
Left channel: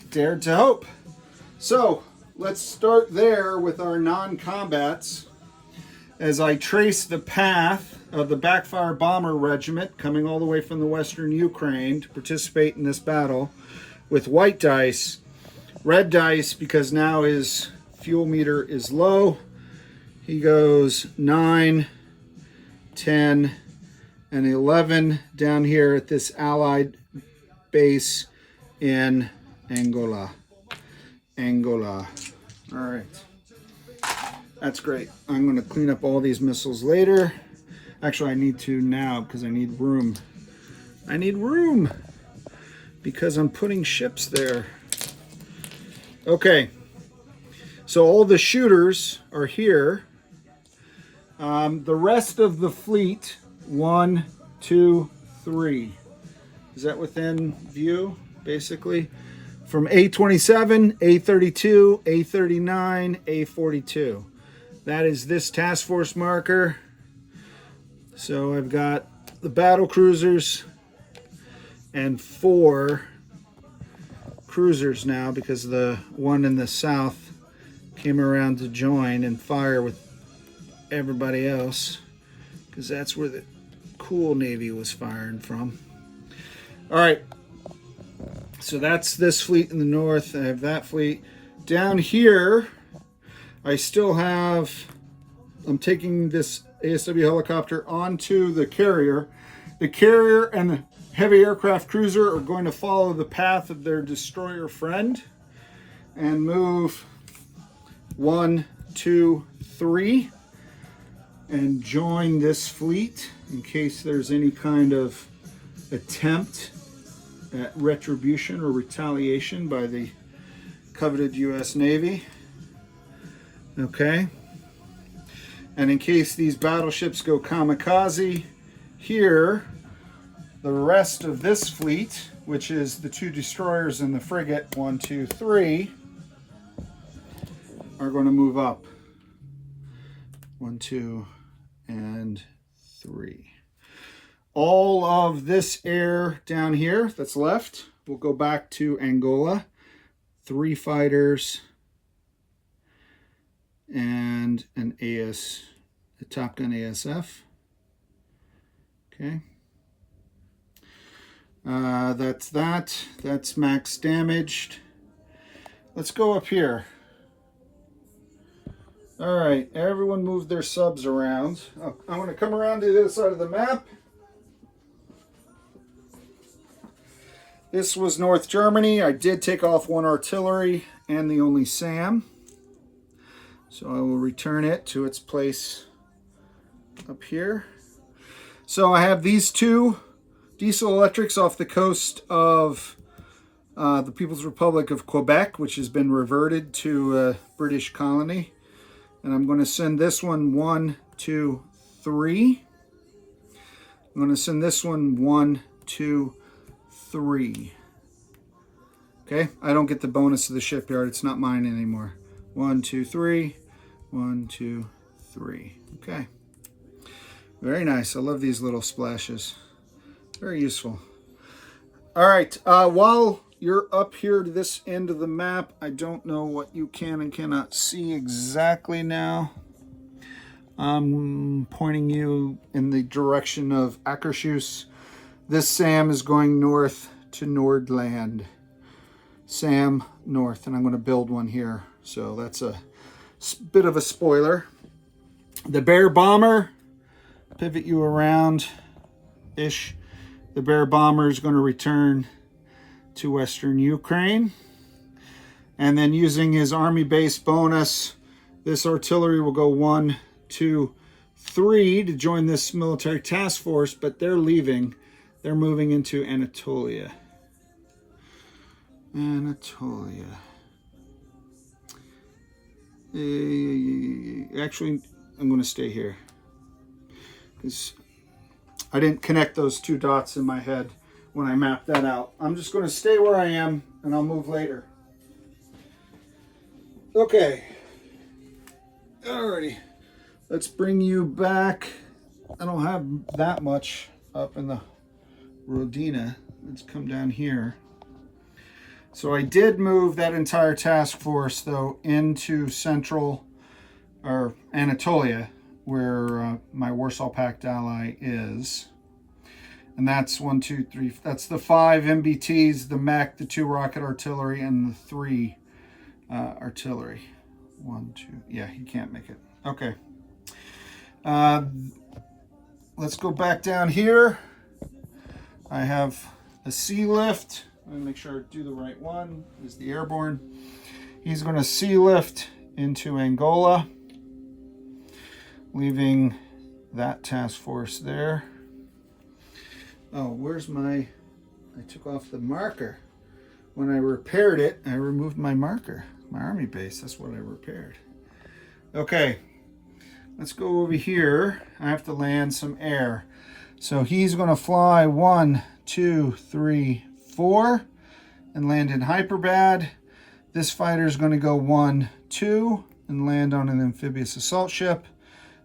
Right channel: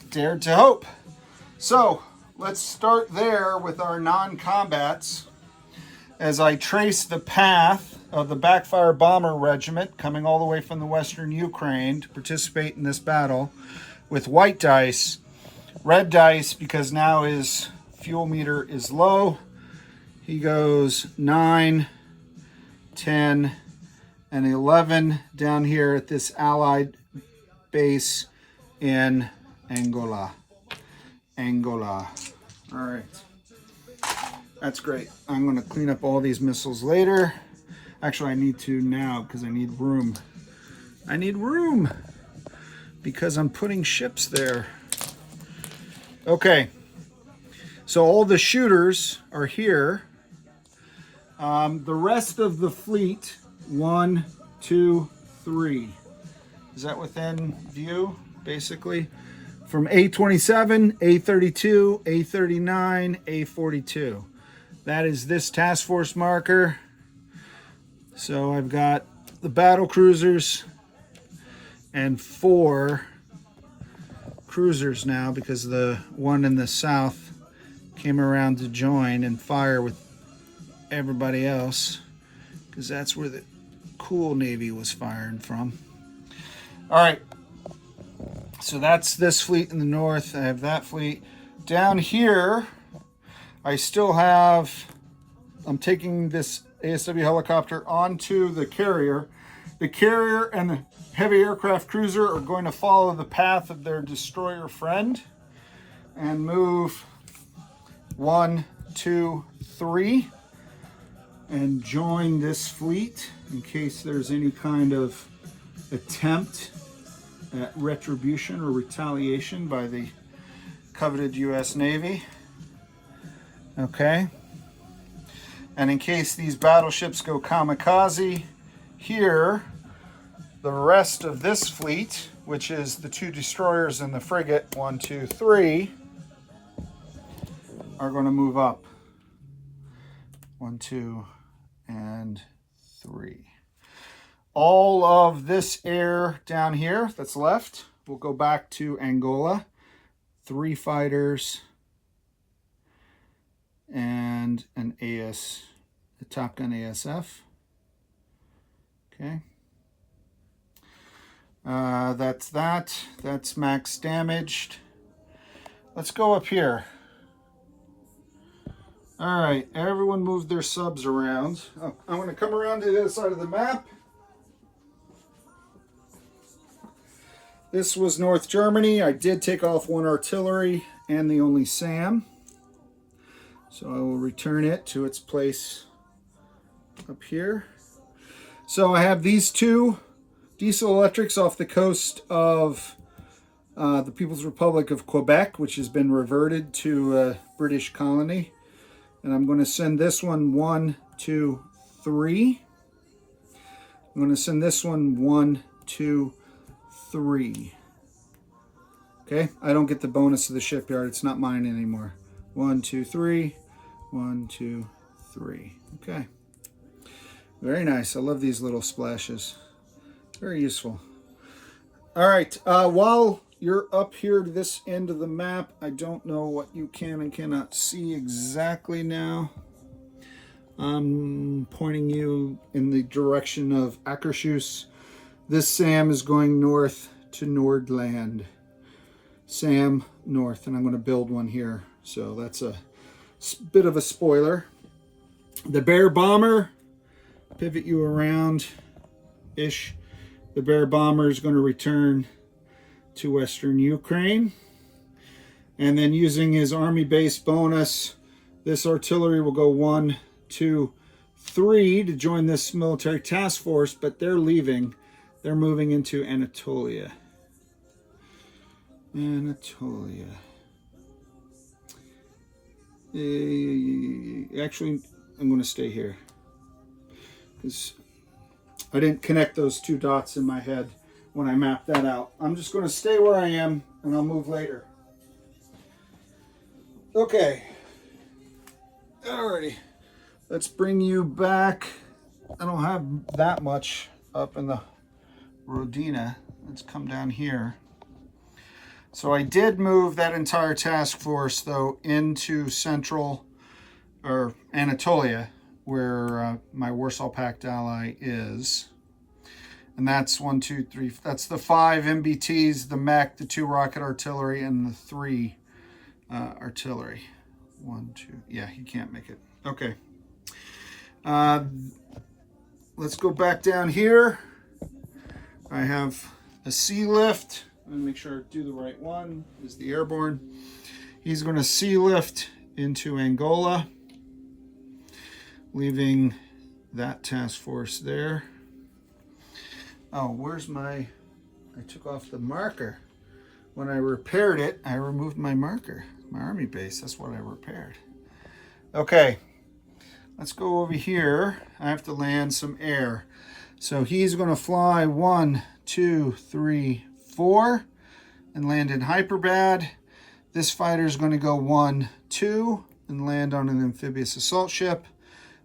dared to hope. So let's start there with our non-combats. As I trace the path of the Backfire Bomber Regiment coming all the way from the Western Ukraine to participate in this battle with white dice, red dice because now his fuel meter is low. He goes 9, 10, and 11 down here at this Allied base in Angola. All right. That's great. I'm going to clean up all these missiles later. Actually, I need to now because I need room. I need room because I'm putting ships there. Okay. So all the shooters are here. The rest of the fleet, 1, 2, 3. Is that within view, basically? From A27, A32, A39, A42. That is this task force marker. So I've got the battle cruisers and 4 cruisers now, because the one in the south came around to join and fire with everybody else, because that's where the cool Navy was firing from. All right, so that's this fleet in the north. I have that fleet. Down here, I still have, I'm taking this ASW helicopter onto the carrier. The carrier and the heavy aircraft cruiser are going to follow the path of their destroyer friend and move 1, 2, 3 and join this fleet in case there's any kind of attempt at retribution or retaliation by the coveted US Navy. Okay. And in case these battleships go kamikaze, here, the rest of this fleet, which is the 2 destroyers and the frigate, 1, 2, 3, are going to move up. 1, 2, and 3. All of this air down here that's left will go back to Angola. 3 fighters and an a Top Gun ASF. Okay. That's that. That's max damaged. Let's go up here. All right, everyone move their subs around. Oh, I'm going to come around to the other side of the map. This was North Germany. I did take off 1 artillery and the only SAM. So I will return it to its place up here. So I have these 2 diesel electrics off the coast of the People's Republic of Quebec, which has been reverted to a British colony. And I'm going to send this one 1, 2, 3. I'm going to send this one 1, 2, 3. Okay, I don't get the bonus of the shipyard. It's not mine anymore. 1, 2, 3. 1, 2, 3. Okay. Very nice. I love these little splashes. Very useful. All right. While you're up here to this end of the map, I don't know what you can and cannot see exactly now. I'm pointing you in the direction of Akershus. This SAM is going north to Nordland. SAM north, and I'm going to build one here. So that's a bit of a spoiler. The Bear Bomber, pivot you around-ish. The Bear Bomber is going to return to Western Ukraine. And then using his army base bonus, this artillery will go 1, 2, 3 to join this military task force, but they're leaving. They're moving into Anatolia. Anatolia. Actually, I'm going to stay here because I didn't connect those 2 dots in my head when I mapped that out. I'm just going to stay where I am and I'll move later. Okay. Alrighty. Let's bring you back. I don't have that much up in the Rodina. Let's come down here. So I did move that entire task force, though, into central, or Anatolia, where my Warsaw Pact ally is. And that's 1, 2, 3. That's the 5 MBTs, the mech, the 2 rocket artillery, and the 3 artillery. 1, 2. Yeah, he can't make it. Okay. Let's go back down here. I have a sea lift. Let me make sure I do the right one. Is the airborne. He's going to sea lift into Angola, leaving that task force there. Oh, where's my... I took off the marker. When I repaired it, I removed my marker. My army base, that's what I repaired. Okay, let's go over here. I have to land some air. So he's going to fly 1, 2, 3, 4 and land in Hyperbad. This fighter is going to go 1, 2 and land on an amphibious assault ship.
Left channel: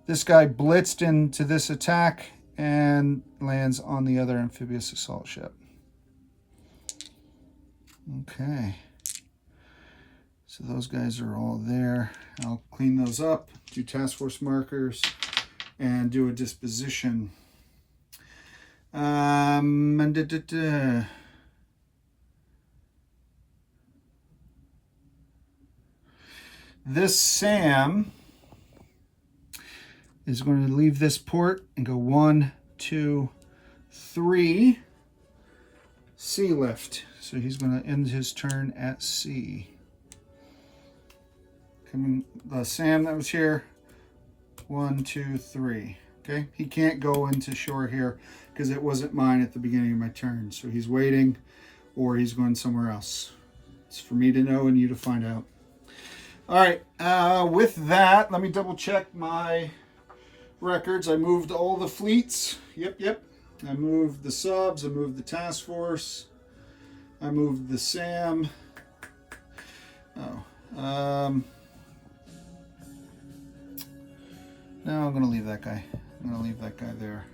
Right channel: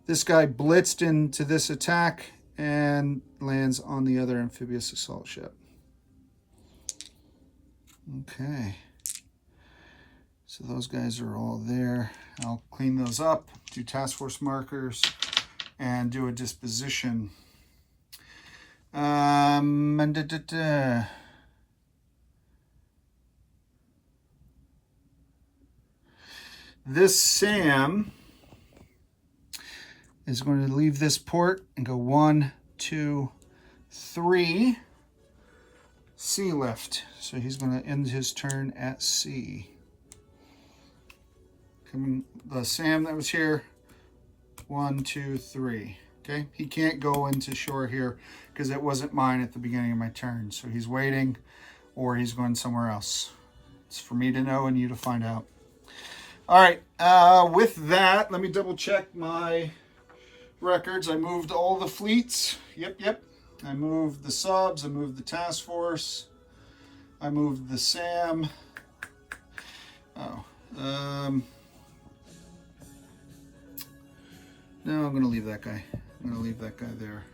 This guy blitzed into this attack and lands on the other amphibious assault ship. Okay. So those guys are all there. I'll clean those up, do task force markers, and do a disposition. This SAM is going to leave this port and go 1, 2, 3 sea lift. So he's going to end his turn at sea. Coming, the SAM that was here, 1, 2, 3. Okay, he can't go into shore here because it wasn't mine at the beginning of my turn. So he's waiting, or he's going somewhere else. It's for me to know and you to find out. All right, with that, let me double check my records. I moved all the fleets. Yep. I moved the subs. I moved the task force. I moved the SAM. No, I'm going to leave that guy. I'm going to leave that guy there.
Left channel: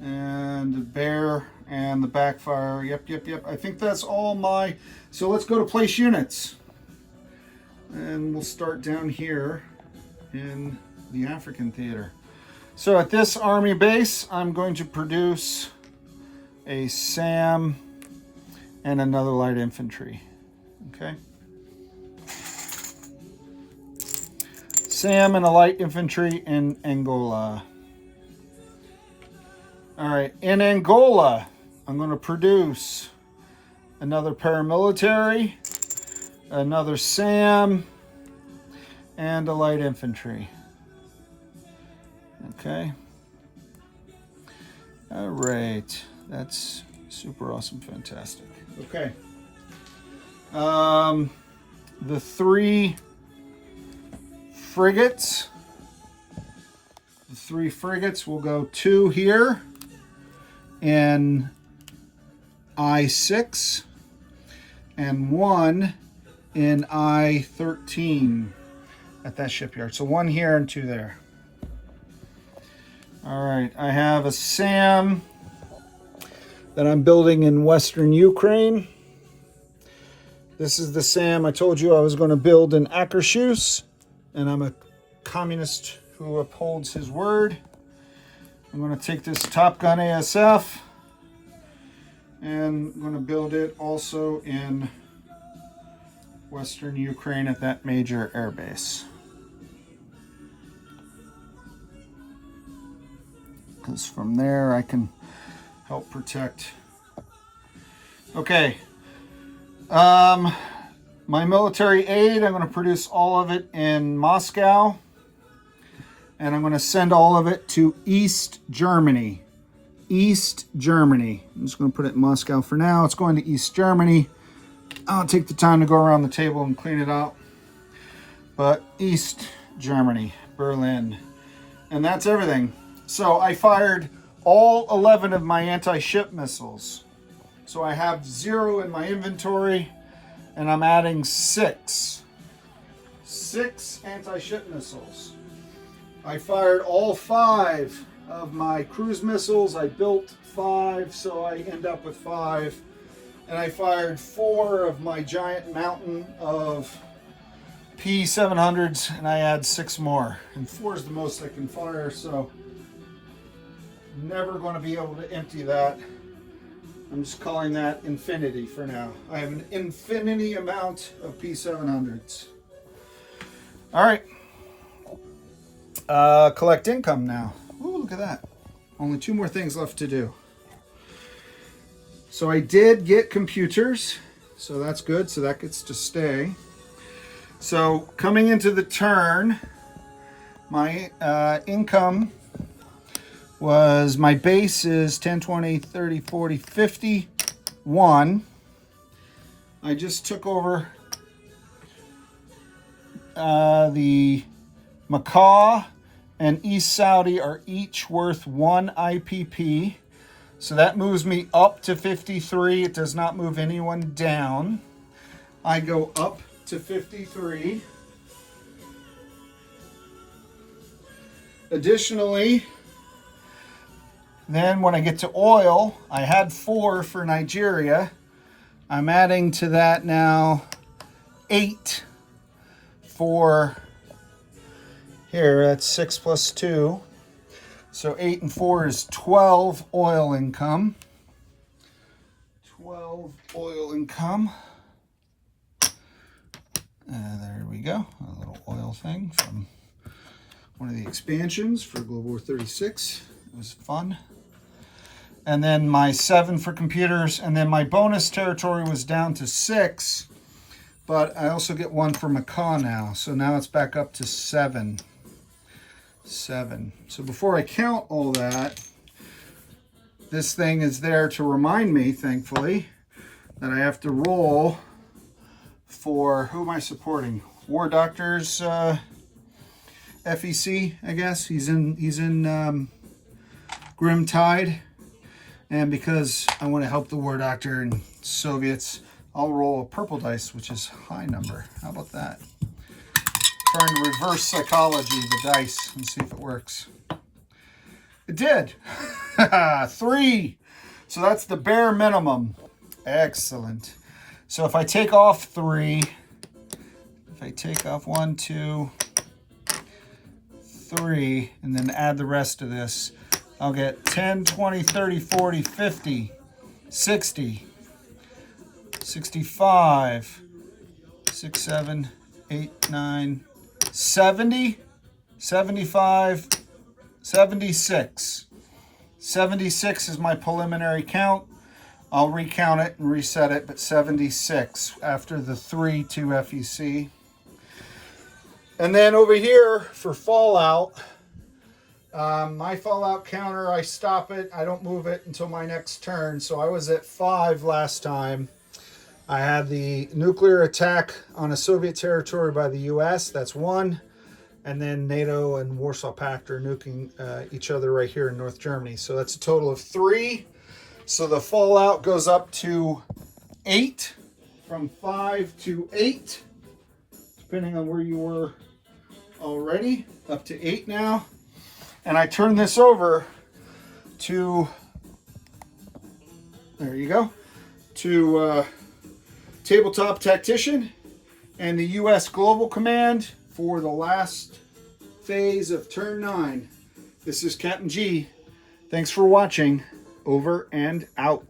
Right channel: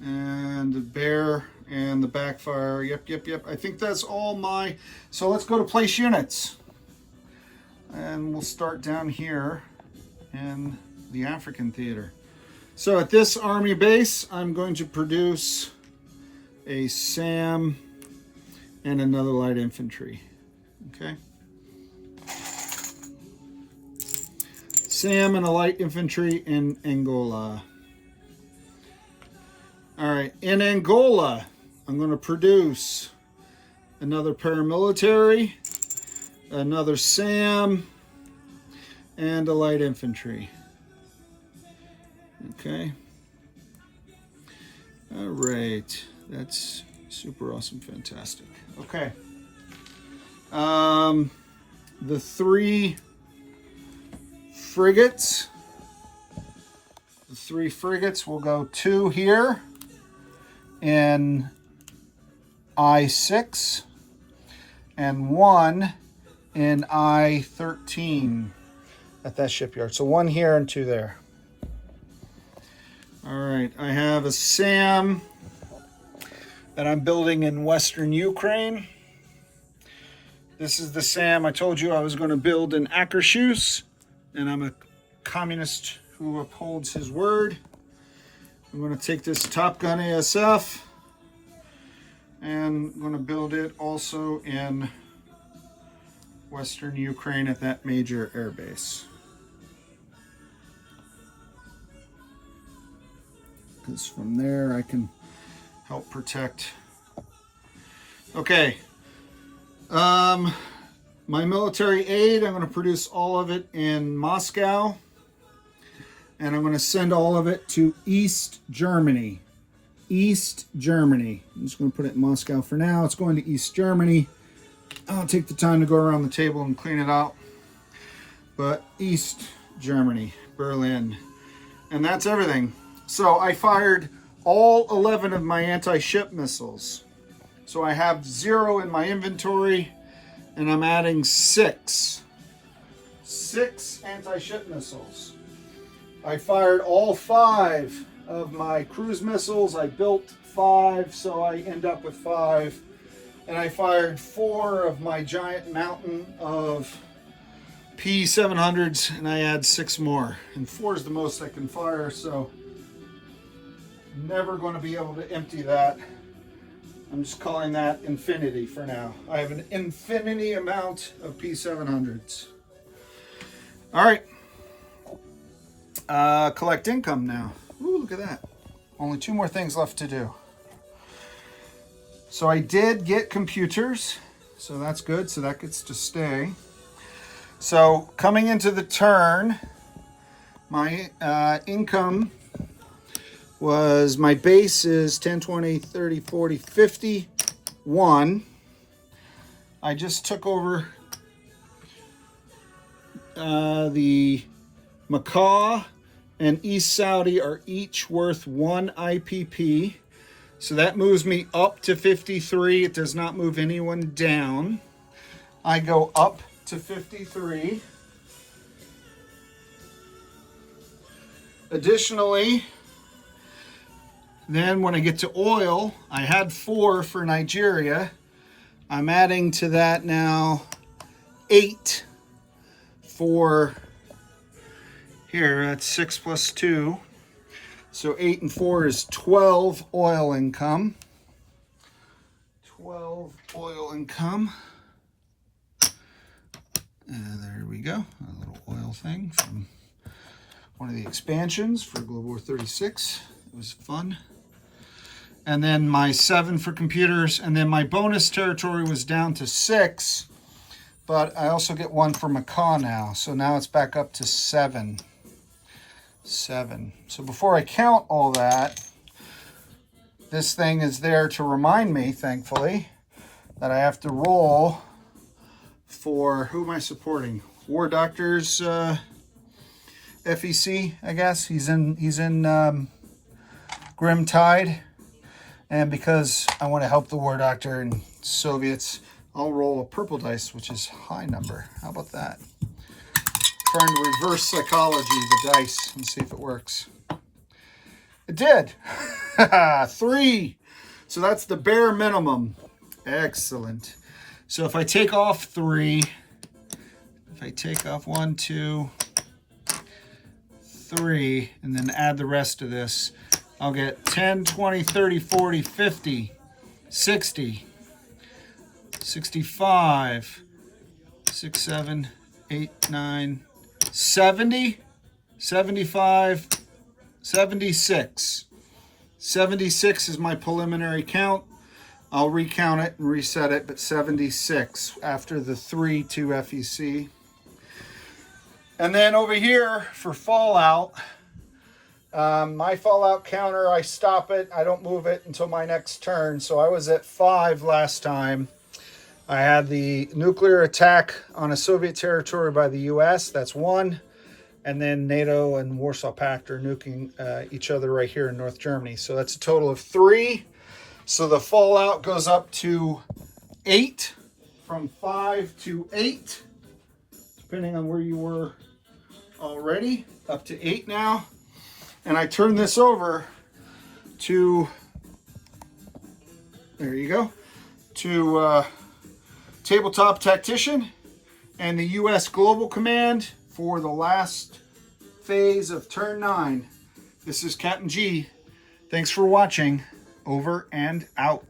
And the bear and the backfire. Yep. I think that's all my... So let's go to place units. And we'll start down here in the African theater. So at this army base, I'm going to produce a SAM and another light infantry. Okay. SAM and a light infantry in Angola. All right, in Angola, I'm going to produce another paramilitary, another SAM, and a light infantry. Okay. All right. That's super awesome, fantastic. Okay. The 3 frigates. The 3 frigates will go 2 here in I-6 and 1 in I-13 at that shipyard. So 1 here and 2 there. All right, I have a SAM that I'm building in Western Ukraine. This is the SAM I told you I was going to build in Akershus, and I'm a communist who upholds his word. I'm going to take this Top Gun ASF, and I'm going to build it also in Western Ukraine at that major air base. Because from there I can help protect. Okay. My military aid, I'm going to produce all of it in Moscow. And I'm going to send all of it to East Germany. East Germany. I'm just going to put it in Moscow for now. It's going to East Germany. I'll take the time to go around the table and clean it out. But East Germany, Berlin. And that's everything. So I fired all 11 of my anti-ship missiles. So I have 0 in my inventory, and I'm adding 6. 6 anti-ship missiles. I fired all 5 of my cruise missiles. I built 5, so I end up with 5. And I fired 4 of my giant mountain of P700s, and I add 6 more. And 4 is the most I can fire, so never going to be able to empty that. I'm just calling that infinity for now. I have an infinity amount of P700s. All right. Collect income now. Ooh, look at that. Only 2 more things left to do. So I did get computers, so that's good. So that gets to stay. So coming into the turn, my income was, my base is 10, 20, 30, 40, 50, 1. I just took over the Macau and East Saudi are each worth 1 IPP. So that moves me up to 53. It does not move anyone down. I go up to 53. Additionally, Then when I get to oil, I had 4 for Nigeria. I'm adding to that now 8 for here. That's 6 plus 2. So 8 and 4 is 12 oil income. 12 oil income. There we go. A little oil thing from one of the expansions for Global War 36. It was fun. And then my 7 for computers. And then my bonus territory was down to 6. But I also get 1 for macaw now. So now it's back up to 7. 7. So before I count all that, this thing is there to remind me, thankfully, that I have to roll for, who am I supporting? War Doctor's FEC, I guess. He's in Grim Tide. And because I want to help the War Doctor and Soviets, I'll roll a purple dice, which is high number. How about that? Trying to reverse psychology the dice and see if it works. It did. 3. So that's the bare minimum. Excellent. So if I take off 3, if I take off 1, 2, 3, and then add the rest of this, I'll get 10, 20, 30, 40, 50, 60, 65, 6, 7, 8, 9, 70, 75, 76. 76 is my preliminary count. I'll recount it and reset it, but 76 after the 3 to FEC. And then over here for Fallout, my Fallout counter, I stop it. I don't move it until my next turn. So I was at 5 last time. I had the nuclear attack on a Soviet territory by the US. That's 1. And then NATO and Warsaw Pact are nuking each other right here in North Germany. So that's a total of 3. So the Fallout goes up to 8, from 5 to 8, depending on where you were already, up to 8 now. And I turn this over to, there you go, to Tabletop Tactician and the US Global Command for the last phase of turn 9. This is Captain G. Thanks for watching. Over and out.